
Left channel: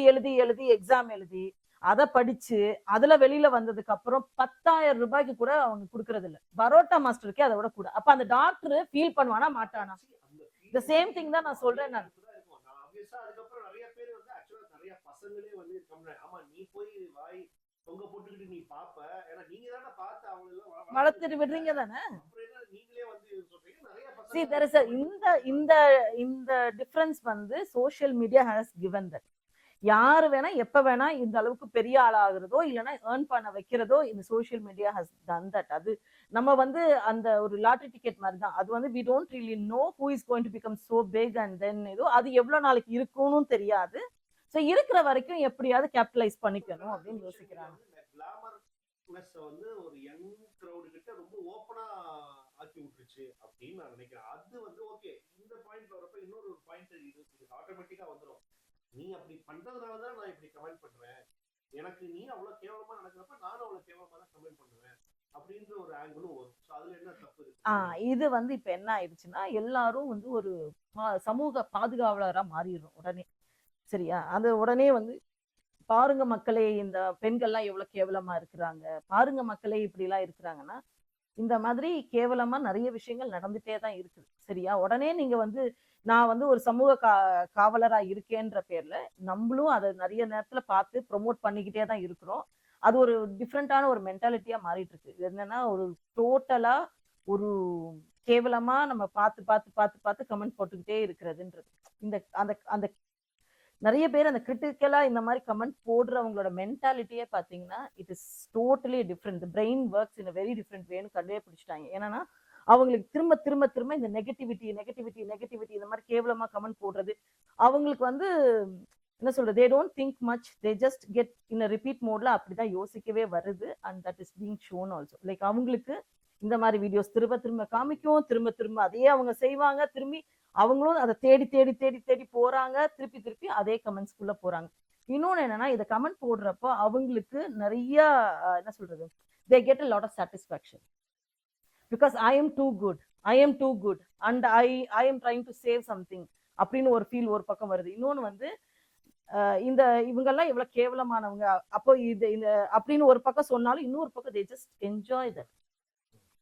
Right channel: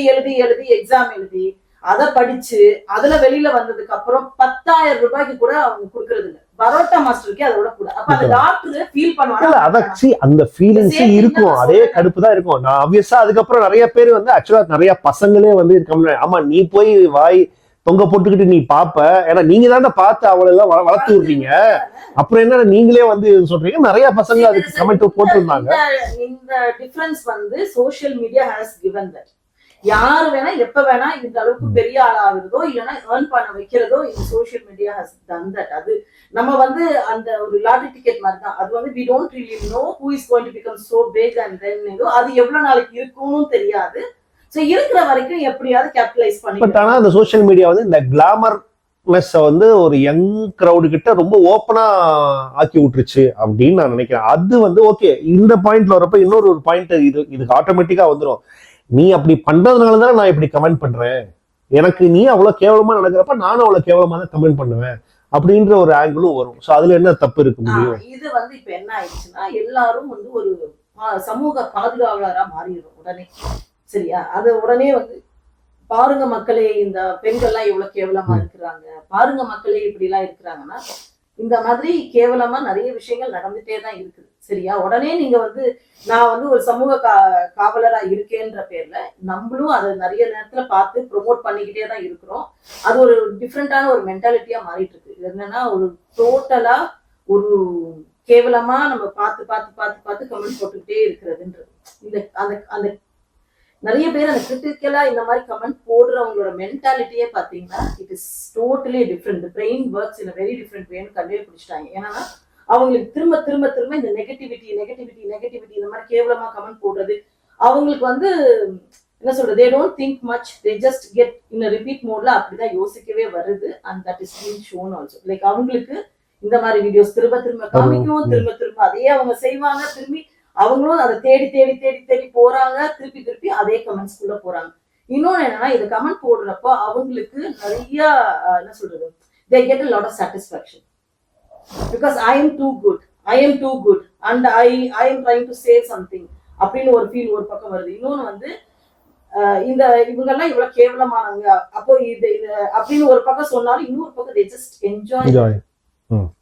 எக்ஸாம் எழுதி அதை படிச்சு அதுல வெளியில வந்ததுக்கு அப்புறம் 10,000 ரூபாய்க்கு கூட அவங்க குடுக்கறது இல்ல. பரோட்டா மாஸ்டருக்கே அதோட கூட. அப்ப அந்த டாக்டர் ஃபீல் பண்ணுவாங்க. அதாச்சி அந்த ஃபீலிங்ஸ் இருக்கும், அதே கடுப்பு தான் இருக்கும். நான் ஆப்வியஸா அதுக்கப்புறம் நிறைய பேர் வந்து ஆக்சுவலா நிறைய பசங்களே வந்து ஆமா நீ போய் வாய் தொங்க போட்டுக்கிட்டு நீ பாப்ப, ஏன்னா நீங்க தானே பார்த்து அவளை எல்லாம் வளர்த்து விடுறீங்க. அப்புறம் என்ன நீங்களே வந்து சொல்றீங்க. நிறைய பசங்க அதுக்கு கமெண்ட் போட்டிருந்தாங்க. இந்த டிஃபரன்ஸ் வந்து social media has given that யாரு வேணா எப்ப வேணா இந்த அளவுக்கு பெரிய ஆள் ஆகுறதோ இல்லைன்னா ஏர்ன் பண்ண வைக்கிறதோ இந்த social media has done that. அது நம்ம வந்து அந்த ஒரு லாட்டரி டிக்கெட் மாதிரி தான். அது வந்து we don't really know who is going to become so big and then அது எவ்வளவு நாளைக்கு இருக்கும்னு தெரியாது. சோ இருக்கிற வரைக்கும் எப்படியாவது கேபிட்டலைஸ் பண்ணி. பட் ஆனா அந்த சோஷியல் மீடியா வந்து இந்த கிளாமர்னஸ் வந்து ஒரு யங் கிரவுடு கிட்ட ரொம்ப ஓப்பனா ஆக்கி விட்டுருச்சு அப்படின்னு நான் நினைக்கிறேன். அது வந்து ஓகே இந்த பாயிண்ட்ல வரப்ப இன்னொரு ஒரு பாயிண்ட் இதுக்கு ஆட்டோமேட்டிக்கா வந்துடும். நீ அப்படி பண்றதுனால தானே நான் இப்படி கமெண்ட் பண்றேன், எனக்கு நீ அவ்வளவு கேவலமா நடக்கிறப்ப நானும் அவ்வளவு கேவலமா தான் கமெண்ட் பண்ணுவேன் அப்படின்ற ஒரு ஆங்கிளும் வரும். சோ அதுல என்ன தப்பு இருக்க முடியும்? இது வந்து இப்ப என்ன ஆயிடுச்சுன்னா எல்லாரும் வந்து ஒரு சமூக பாதுகாவலரா மாறிடும் உடனே. சரியா? அது உடனே வந்து பாருங்க மக்களே இந்த பெண்கள் எல்லாம் எவ்வளவு கேவலமா இருக்கிறாங்க, பாருங்க மக்களே இப்படி எல்லாம் இருக்கிறாங்கன்னா இந்த மாதிரி கேவலமா நிறைய விஷயங்கள் நடந்துட்டே தான் இருக்குது. சரியா? உடனே நீங்க வந்து நான் வந்து ஒரு சமூக காவலரா இருக்கேன்ற பேர்ல நம்மளும் அதை நிறைய நேரத்துல பார்த்து ப்ரொமோட் பண்ணிக்கிட்டே தான் இருக்கிறோம். அது ஒரு டிஃப்ரெண்டான ஒரு மென்டாலிட்டியா மாறிட்டு இருக்கு. இது என்னன்னா ஒரு டோட்டலா ஒரு கேவலமா நம்ம பார்த்து கமெண்ட் போட்டுக்கிட்டே இருக்கிறதுன்றது. இந்த அந்த அந்த நிறைய பேர் அந்த கிரிட்டிக்கலா இந்த மாதிரி கமெண்ட் போடுறவங்களோட மென்டாலிட்டியே பாத்தீங்கன்னா it is totally different. Brain works in very different வேன்னு கண்டே பிடிச்சிட்டாங்க. ஏன்னா அவங்களுக்கு திரும்ப திரும்ப திரும்ப இந்த நெகட்டிவிட்டி இந்த மாதிரி கேவலமா கமெண்ட் போடுறது அவங்களுக்கு வந்து என்ன சொல்றது, they don't think much, they just get in a repeat mode. அப்படிதான் யோசிக்கவே வருது. and that is being shown also. Like அவங்களுக்கு இந்த மாதிரி வீடியோஸ் திரும்ப திரும்ப காமிக்கும், திரும்ப அதையே அவங்க செய்வாங்க, திரும்பி அவங்களும் அதை தேடி போறாங்க, திருப்பி அதே கமெண்ட்ஸ் குள்ள போறாங்க. இன்னொன்னு என்னன்னா, இதை கமெண்ட் போடுறப்போ அவங்களுக்கு நிறைய என்ன சொல்றது, they get a lot of satisfaction because I am too good and I am trying to say something அப்படின்னு ஒரு ஃபீல் ஒரு பக்கம் வருது. இன்னொன்னு வந்து இந்த இவங்கெல்லாம் இவ்வளவு கேவலமானவங்க அப்போ இது அப்படின்னு ஒரு பக்கம் சொன்னாலும் இன்னொரு பக்கம் they just enjoy.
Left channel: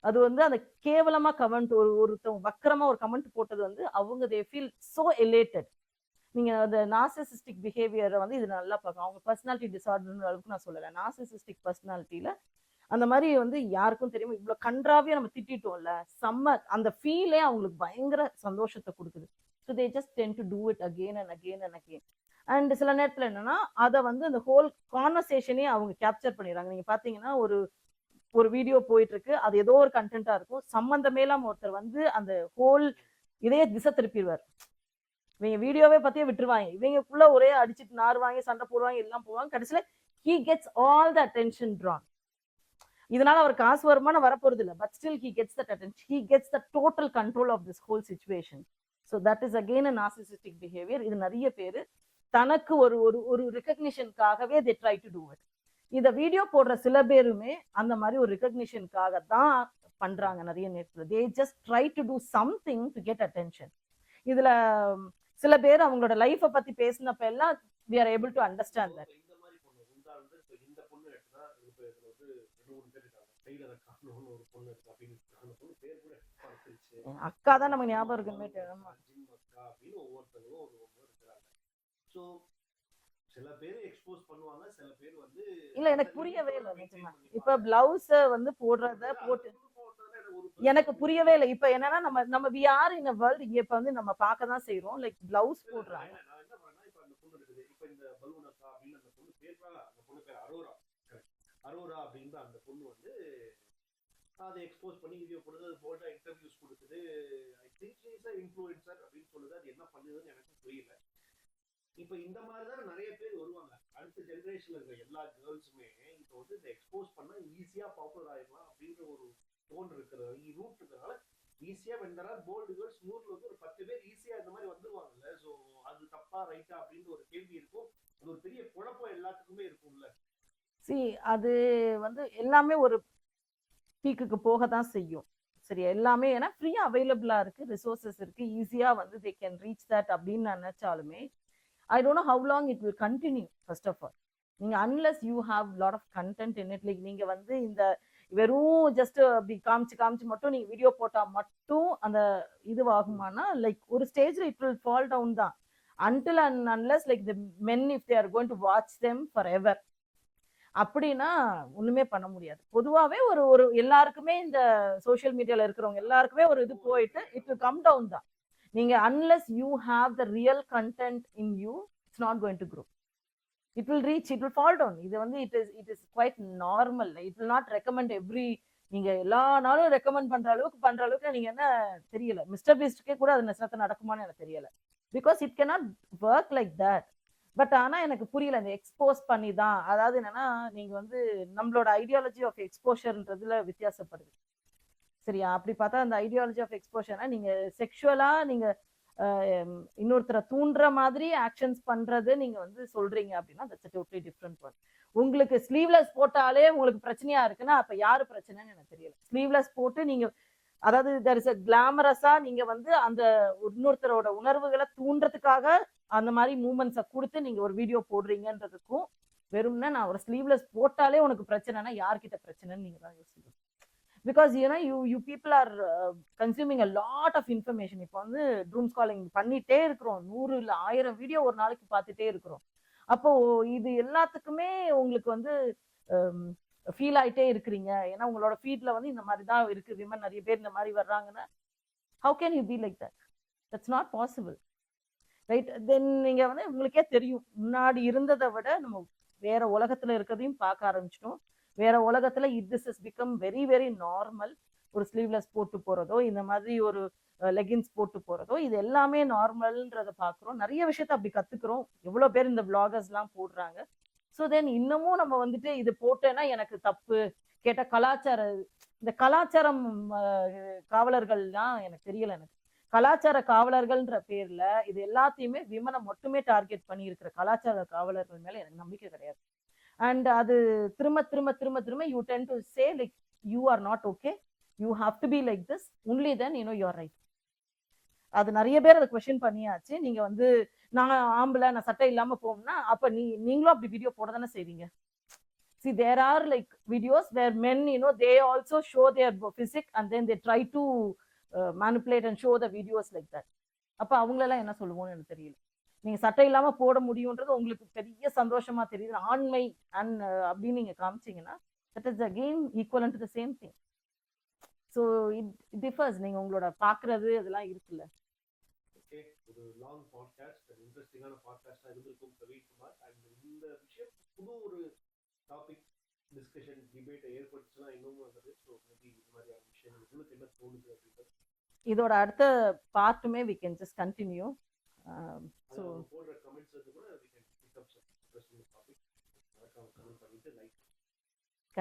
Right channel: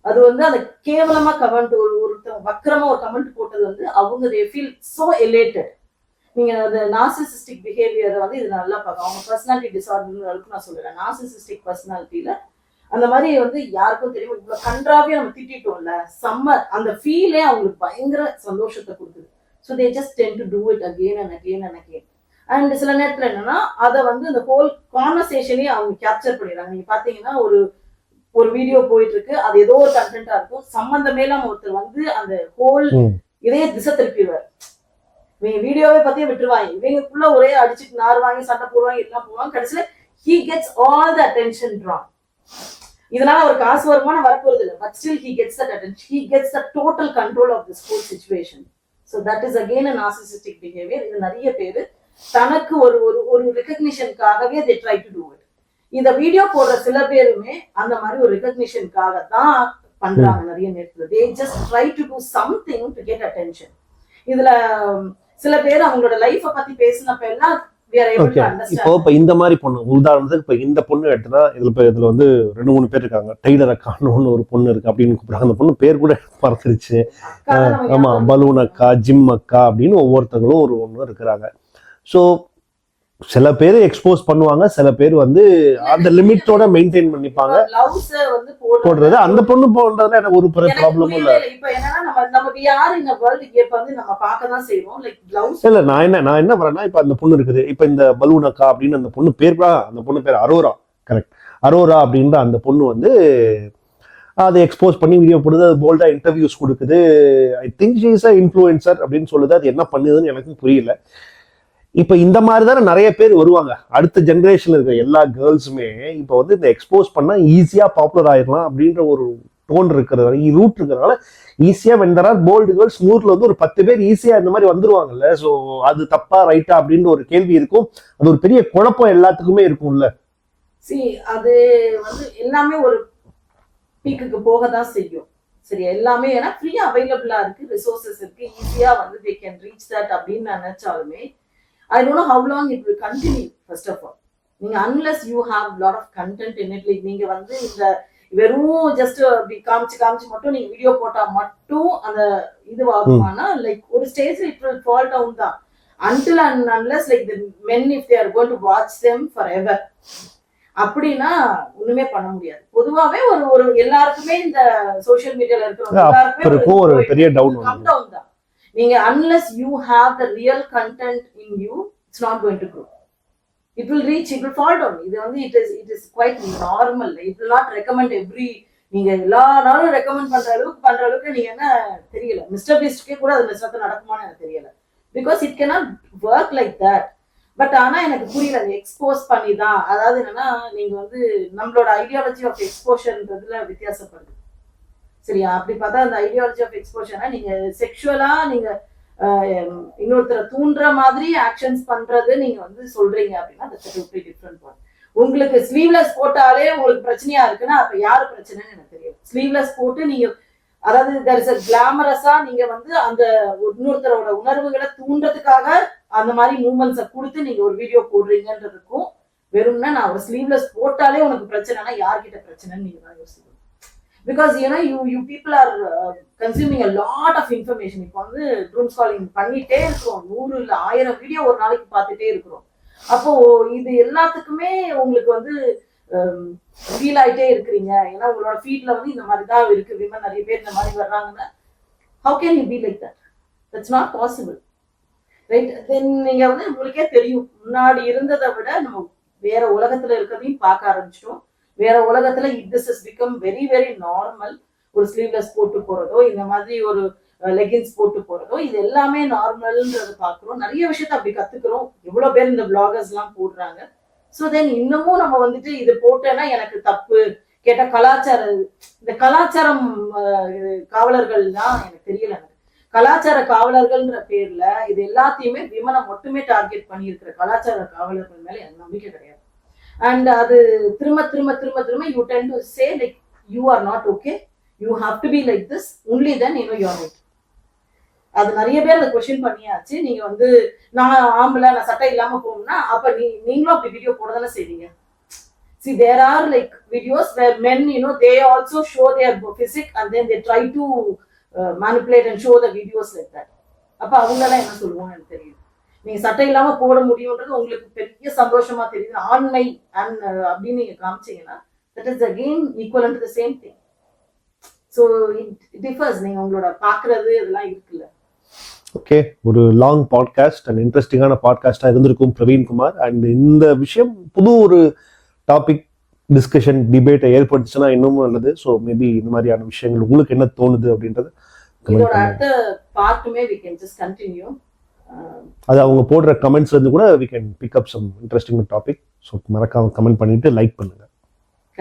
அது வந்து அந்த கேவலமா கமெண்ட் ஒருத்தவங்க வக்கரமா ஒரு கமெண்ட் போட்டது வந்து அவங்க they feel so elated. நீங்க அந்த நார்சிசிஸ்டிக் பிஹேவியரை வந்து இது நல்லா பார்க்க, அவங்க பர்சனாலிட்டி டிசார்டர் அளவுக்கு நான் சொல்லல, நார்சிசிஸ்டிக் பர்சனாலிட்டியில அந்த மாதிரி வந்து யாருக்கும் தெரியும் இவ்வளவு கன்றாவே நம்ம திட்டோம்ல, செம்ம அந்த ஃபீலே அவங்களுக்கு பயங்கர சந்தோஷத்தை கொடுக்குது. So they just tend to do it again and again. And சில நேரத்துல என்னன்னா அதை வந்து அந்த ஹோல் கான்வர்சேஷனே அவங்க கேப்சர் பண்ணிடுறாங்க. நீங்க பாத்தீங்கன்னா ஒரு வீடியோ போயிட்டு இருக்கு, அது ஏதோ ஒரு கண்டென்ட்டா இருக்கும், சம்பந்தமே இல்லாம ஒருத்தர் வந்து அந்த ஹோல் இதே திசை திருப்பிடுவார். இவங்க வீடியோவே பத்தியே விட்டுருவாங்க, இவங்களுக்குள்ள ஒரே அடிச்சுட்டு நார் வாங்கி சண்டை போடுவாங்க, எல்லாம் போவாங்க. கடைசியில he gets all the attention drawn. இதனால ஒரு காசு வருமானம் வரப்போறது இல்லை, but still he gets that attention, he gets the total control of this whole situation. So that is again a narcissistic behavior. இது நிறைய பேரு தனக்கு ஒரு ரெகக்னிஷனுக்காகவே they try to do it. இந்த வீடியோ போடுற சில பேருமே அந்த மாதிரி ஒரு ரெகக்னிஷனுக்காக தான் பண்றாங்க நிறைய நேரத்துல. they just try to do something to get attention. இதுல சில பேர் அவங்களோட லைஃப பத்தி பேசினப்ப எல்லாம் இப்போ இந்த மாதிரி பொண்ணு உதாரணத்துக்கு இப்ப இந்த பொண்ணு எடுத்தா இதுல வந்து 2-3 பேர் இருக்காங்க. டைலர் அக்கான்னு ஒரு பொண்ணு இருக்கு அப்படின்னு கூப்பிடுறாங்க. அந்த பொண்ணு பேர் கூட மறந்துருச்சு. ஆமா, பலூன் அக்கா, ஜிம் அக்கா அப்படின்னு ஒவ்வொருத்தங்களும் ஒண்ணு இருக்கிறாங்க. ஸோ சில பேர் எக்ஸ்போஸ் பண்ணுவாங்க, சில பேர் வந்து அந்த லிமிட்டோட மெயின்டைன் பண்ணிப்பாங்க. போடுறது அந்த பொண்ணு போடுறதுல எனக்கு ஒரு ப்ராப்ளமும் இல்ல. இப்ப என்னன்னா நம்ம யார் இந்த வேர்ல்ட் இப்ப வந்து நம்ம பார்க்க தான் செய்வோம். லைக் ப்ளவுஸ் இல்ல, நான் என்ன வரேன்னா, இப்ப அந்த பொண்ணு இருக்குது, இப்ப இந்த பலூன் அக்கா அப்படின்னு அந்த பொண்ணு பேர், அந்த பொண்ணு பேர் அரோரா, கரெக்ட், அரோரா அப்படின்ற அந்த பொண்ணு வந்து அதை எக்ஸ்போஸ் பண்ணி வீடியோ போடுது, அது போல்டா இன்டர்வியூஸ் கொடுக்குது. I think she is a influencer அப்படின்னு சொல்லுது. அது என்ன பண்ணுதுன்னு எனக்கு புரியல. இப்ப இந்த மாதிரி தானே நிறைய பேர் வருவாங்க. அடுத்த ஜென்ரேஷன்ல இருக்கிற எல்லா கேர்ள்ஸுமே இப்ப வந்து இந்த எக்ஸ்போஸ் பண்ணா ஈஸியா பாப்புலர் ஆயிடலாம் அப்படின்ற ஒரு டோன் இருக்கிறதால, ரூட் இருக்கிறதுனால ஈஸியா வெண்டரா போல்டு கேர்ள்ஸ் 100ல வந்து ஒரு 10 பேர் ஈஸியா இந்த மாதிரி வந்துருவாங்கல்ல. ஸோ அது தப்பா ரைட்டா அப்படின்ற ஒரு கேள்வி இருக்கும். அது ஒரு பெரிய குழப்பம் எல்லாத்துக்குமே இருக்கும்ல. அது வந்து எல்லாமே ஒரு பீக்குக்கு போக தான் செய்யும். சரி, எல்லாமே ஏன்னா ஃப்ரீயா அவைலபிளா இருக்கு, ரிசோர்சஸ் இருக்கு, ஈஸியா வந்து they can reach that அப்படின்னு நினைச்சாலுமே I don't know how long it will continue. First of all, நீங்க unless you have lot of content in it, like நீங்க வந்து இந்த வெறும் ஜஸ்ட் அப்படி காமிச்சு மட்டும் நீங்க வீடியோ போட்டா மட்டும் அந்த இது ஆகுமானா, லைக் ஒரு ஸ்டேஜ்ல it will fall down தான். Until and unless like the men, if they are going to watch them forever, அப்படின்னா ஒண்ணுமே பண்ண முடியாது. பொதுவாவே ஒரு எல்லாருக்குமே இந்த சோஷியல் மீடியால இருக்கிறவங்க ஒரு பெரிய டவுன் தான். நீங்க unless you have the real content in you, it's not going to grow. It will reach, it will fall down. இது வந்து it is quite normal. It will not recommend every, நீங்க எல்லா நாளும் ரெக்கமெண்ட் பண்ற அளவுக்கு நீங்க என்ன தெரியல. மிஸ்டர் பீஸ்ட்கே கூட அது மிஸ்டர் நடக்குமான்னு எனக்கு தெரியல. Because it cannot work like that. But ஆனா எனக்கு புரியல, அந்த எக்ஸ்போஸ் பண்ணி தான், அதாவது என்னன்னா நீங்க வந்து நம்மளோட ஐடியாலஜி ஆஃப் எக்ஸ்போஷர்ன்றதுல வித்தியாசப்படுது. சரியா? அப்படி பார்த்தா அந்த ஐடியாலஜி ஆஃப் எக்ஸ்போஷர்னா நீங்க செக்ஷுவலா நீங்க இன்னொருத்தரை தூண்டுற மாதிரி ஆக்ஷன்ஸ் பண்றது நீங்க வந்து சொல்றீங்க அப்படின்னா that's a different one. உங்களுக்கு ஸ்லீவ்லெஸ் போட்டாலே உங்களுக்கு பிரச்சனையா இருக்குன்னா அப்ப யாரு பிரச்சனைன்னு எனக்கு தெரியும். ஸ்லீவ்லெஸ் போட்டு நீங்க அதாவது there is a glamorous-ஆ நீங்க வந்து அந்த இன்னொருத்தரோட உணர்வுகளை தூண்டுறதுக்காக அந்த மாதிரி மூமெண்ட்ஸை கொடுத்து நீங்க ஒரு வீடியோ போடுறீங்கன்றதுக்கும் வெறும்னா நான் ஒரு ஸ்லீவ்லெஸ் போட்டாலே உனக்கு பிரச்சனைனா யார்கிட்ட பிரச்சனைன்னு நீங்க தான் யோசிக்கணும். Because you people are consuming a lot of information. இப்போ வந்து doom scrolling பண்ணிட்டே இருக்கிறோம், 100 இல்ல 1000 வீடியோ ஒரு நாளைக்கு பார்த்துட்டே இருக்கிறோம். அப்போ இது எல்லாத்துக்குமே உங்களுக்கு வந்து ஃபீல் ஆயிட்டே இருக்கிறீங்க, ஏன்னா உங்களோட ஃபீட்ல வந்து இந்த மாதிரி தான் இருக்கு, விமன் நிறைய பேர் இந்த மாதிரி வர்றாங்கன்னா how can you be like that? That's not possible, right? Then நீங்க வந்து உங்களுக்கே தெரியும், முன்னாடி இருந்ததை விட நம்ம வேற உலகத்துல இருக்கிறதையும் பார்க்க ஆரம்பிச்சிட்டோம். வேற உலகத்துல this has become very very normal. ஒரு ஸ்லீவ்லெஸ் போட்டு போறதோ, இந்த மாதிரி ஒரு லெகின்ஸ் போட்டு போறதோ, இது எல்லாமே நார்மல்ன்றதை பாக்குறோம். நிறைய விஷயத்த அப்படி கத்துக்கிறோம். எவ்வளவு பேர் இந்த பிளாகர்ஸ் எல்லாம் போடுறாங்க. ஸோ தென் இன்னமும் நம்ம வந்துட்டு இது போட்டேன்னா எனக்கு தப்பு கேட்ட இந்த கலாச்சாரம் காவலர்கள் தான் எனக்கு தெரியல. கலாச்சார காவலர்கள்ன்ற பேர்ல இது எல்லாத்தையுமே விமனை மட்டுமே டார்கெட் பண்ணி இருக்கிற கலாச்சார காவலர்கள் மேல எனக்கு நம்பிக்கை கிடையாது. அண்ட் அது திரும்ப திரும்ப திரும்ப திரும்ப you ten to say like you are not okay, you have to be like this only then you know you are right. அது நிறைய பேர் அதை கொஸ்டின் பண்ணியாச்சு. நீங்க வந்து நான் ஆம்பளை, நான் சட்டை இல்லாம போகணும்னா அப்ப நீங்களும் அப்படி வீடியோ போட தானே செய்வீங்க. See, there are like videos where men, they also show their physique and then they try to manipulate and show the videos like that. அப்ப அவங்களெல்லாம் என்ன சொல்லுவோம் எனக்கு தெரியுது. நீங்க சட்டை இல்லாம போட முடியும்ன்றது உங்களுக்கு பெரிய சந்தோஷமா தெரியுது, ஆண்மை அப்படின்னு நீங்க காமிச்சீங்கன்னா that is again equivalent to the same thing. So it differs. நீங்க உங்களோட பாக்குறது இதெல்லாம் இருக்குல்ல. ஓகே, ஒரு லாங் பாட்காஸ்ட் அண்ட் இன்ட்ரெஸ்டிங்கான பாட்காஸ்டாக இருந்திருக்கும் பிரவீன்குமார். அண்ட் இந்த விஷயம் புது ஒரு டாபிக் டிஸ்கஷன் டிபேட்டை ஏற்படுத்துச்சுன்னா இன்னமும் நல்லது. ஸோ மேபி இந்த மாதிரியான விஷயங்கள் உங்களுக்கு என்ன தோணுது அப்படின்றது இதோட அடுத்த பார்ட்டுமே we can just continue. அது அவங்க போடுற கமெண்ட்ஸ்ல இருந்து கூட we can pick up some interesting topic. So மறக்காம கமெண்ட் பண்ணிட்டு லைக் பண்ணுங்க.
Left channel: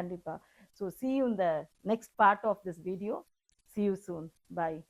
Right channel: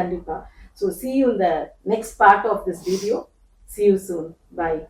கண்டிப்பா. So see you in the next part of this video. See you soon. Bye.